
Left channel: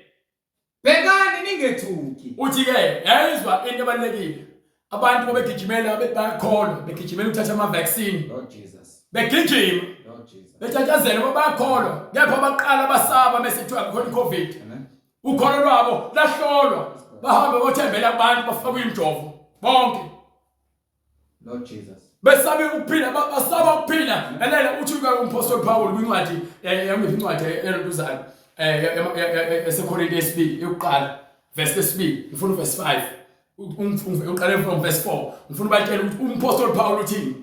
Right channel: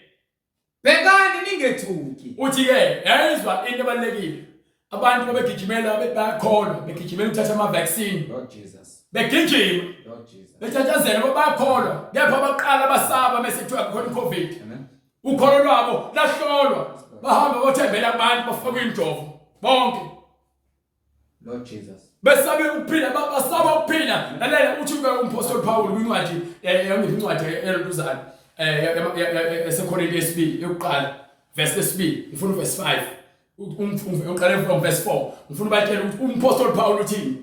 bhekani ningethuki uthi ke yayizwa into ebalekile abantu babegijimela bayakholwa begijimela ukuthatha ama vaccine Lord Jesus. begijima Lord Jesus. bethathazela bayakholwa kepha abaqala basaba mesethiwa khona iCovid Amen. ukholo lwabo lahlolwa bahamba bothembela abantu bafaka injovo bonke Lord Jesus. besabe ukuphila basaba ukuphila lalela uthi umpostoli Paul kwincwadi incwadi elokuzayo eseKorinte yesibili yokuqala verse lesibili ngifuna verse 5 uqale from verse 4 ngifuna ubatshela ukuthi umpostoli Paul uthini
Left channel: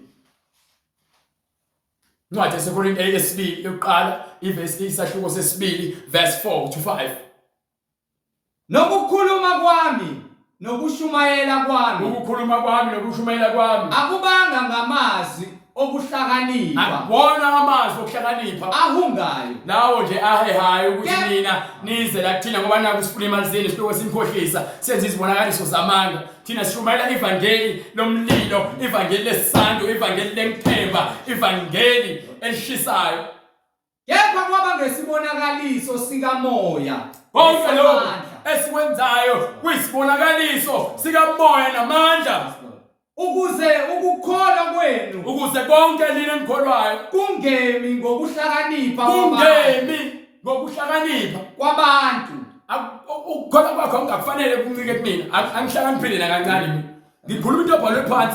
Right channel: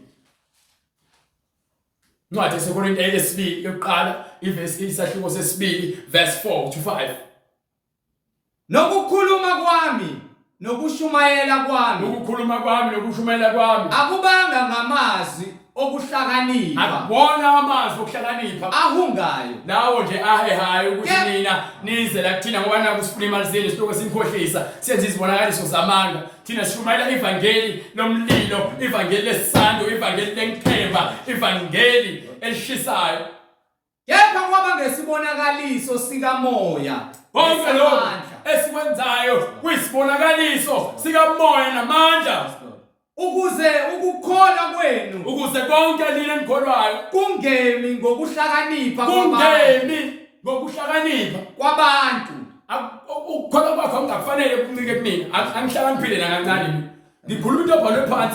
incwadi eseKorinte yesibili yokuqala iverse isahluko sesibili verse 4 to 5 nokukhuluma kwami nokushumayela kwami ukukhuluma kwami nokushumayela kwami akubanga ngamazwi okuhlakanipha akubona amazwi okuhlakanipha ahungayo lawo nje ahehayo ukuthi nina nize la kuthina ngoba naku sifuna imali zenu sitoko sinkhohlisa senze izibonakaliso zamanga thina sishumayela ivangeli lomlilo ivangeli lesando ivangeli lenthemba ivangeli elishisayo kepha kwaba ngesibonakaliso sikamoya konke lokho esikwenzayo kuyisibonakaliso sikamoya namandla ukuze ukukholwa kwenu ukuze konke nina enikholwayo kungemi ngokuhlakanipha kwabantu ukukholwa kwakho kungakufanele kuncike kumina angihlakaniphile nakancane ngikhuluma into ebhalwe phansi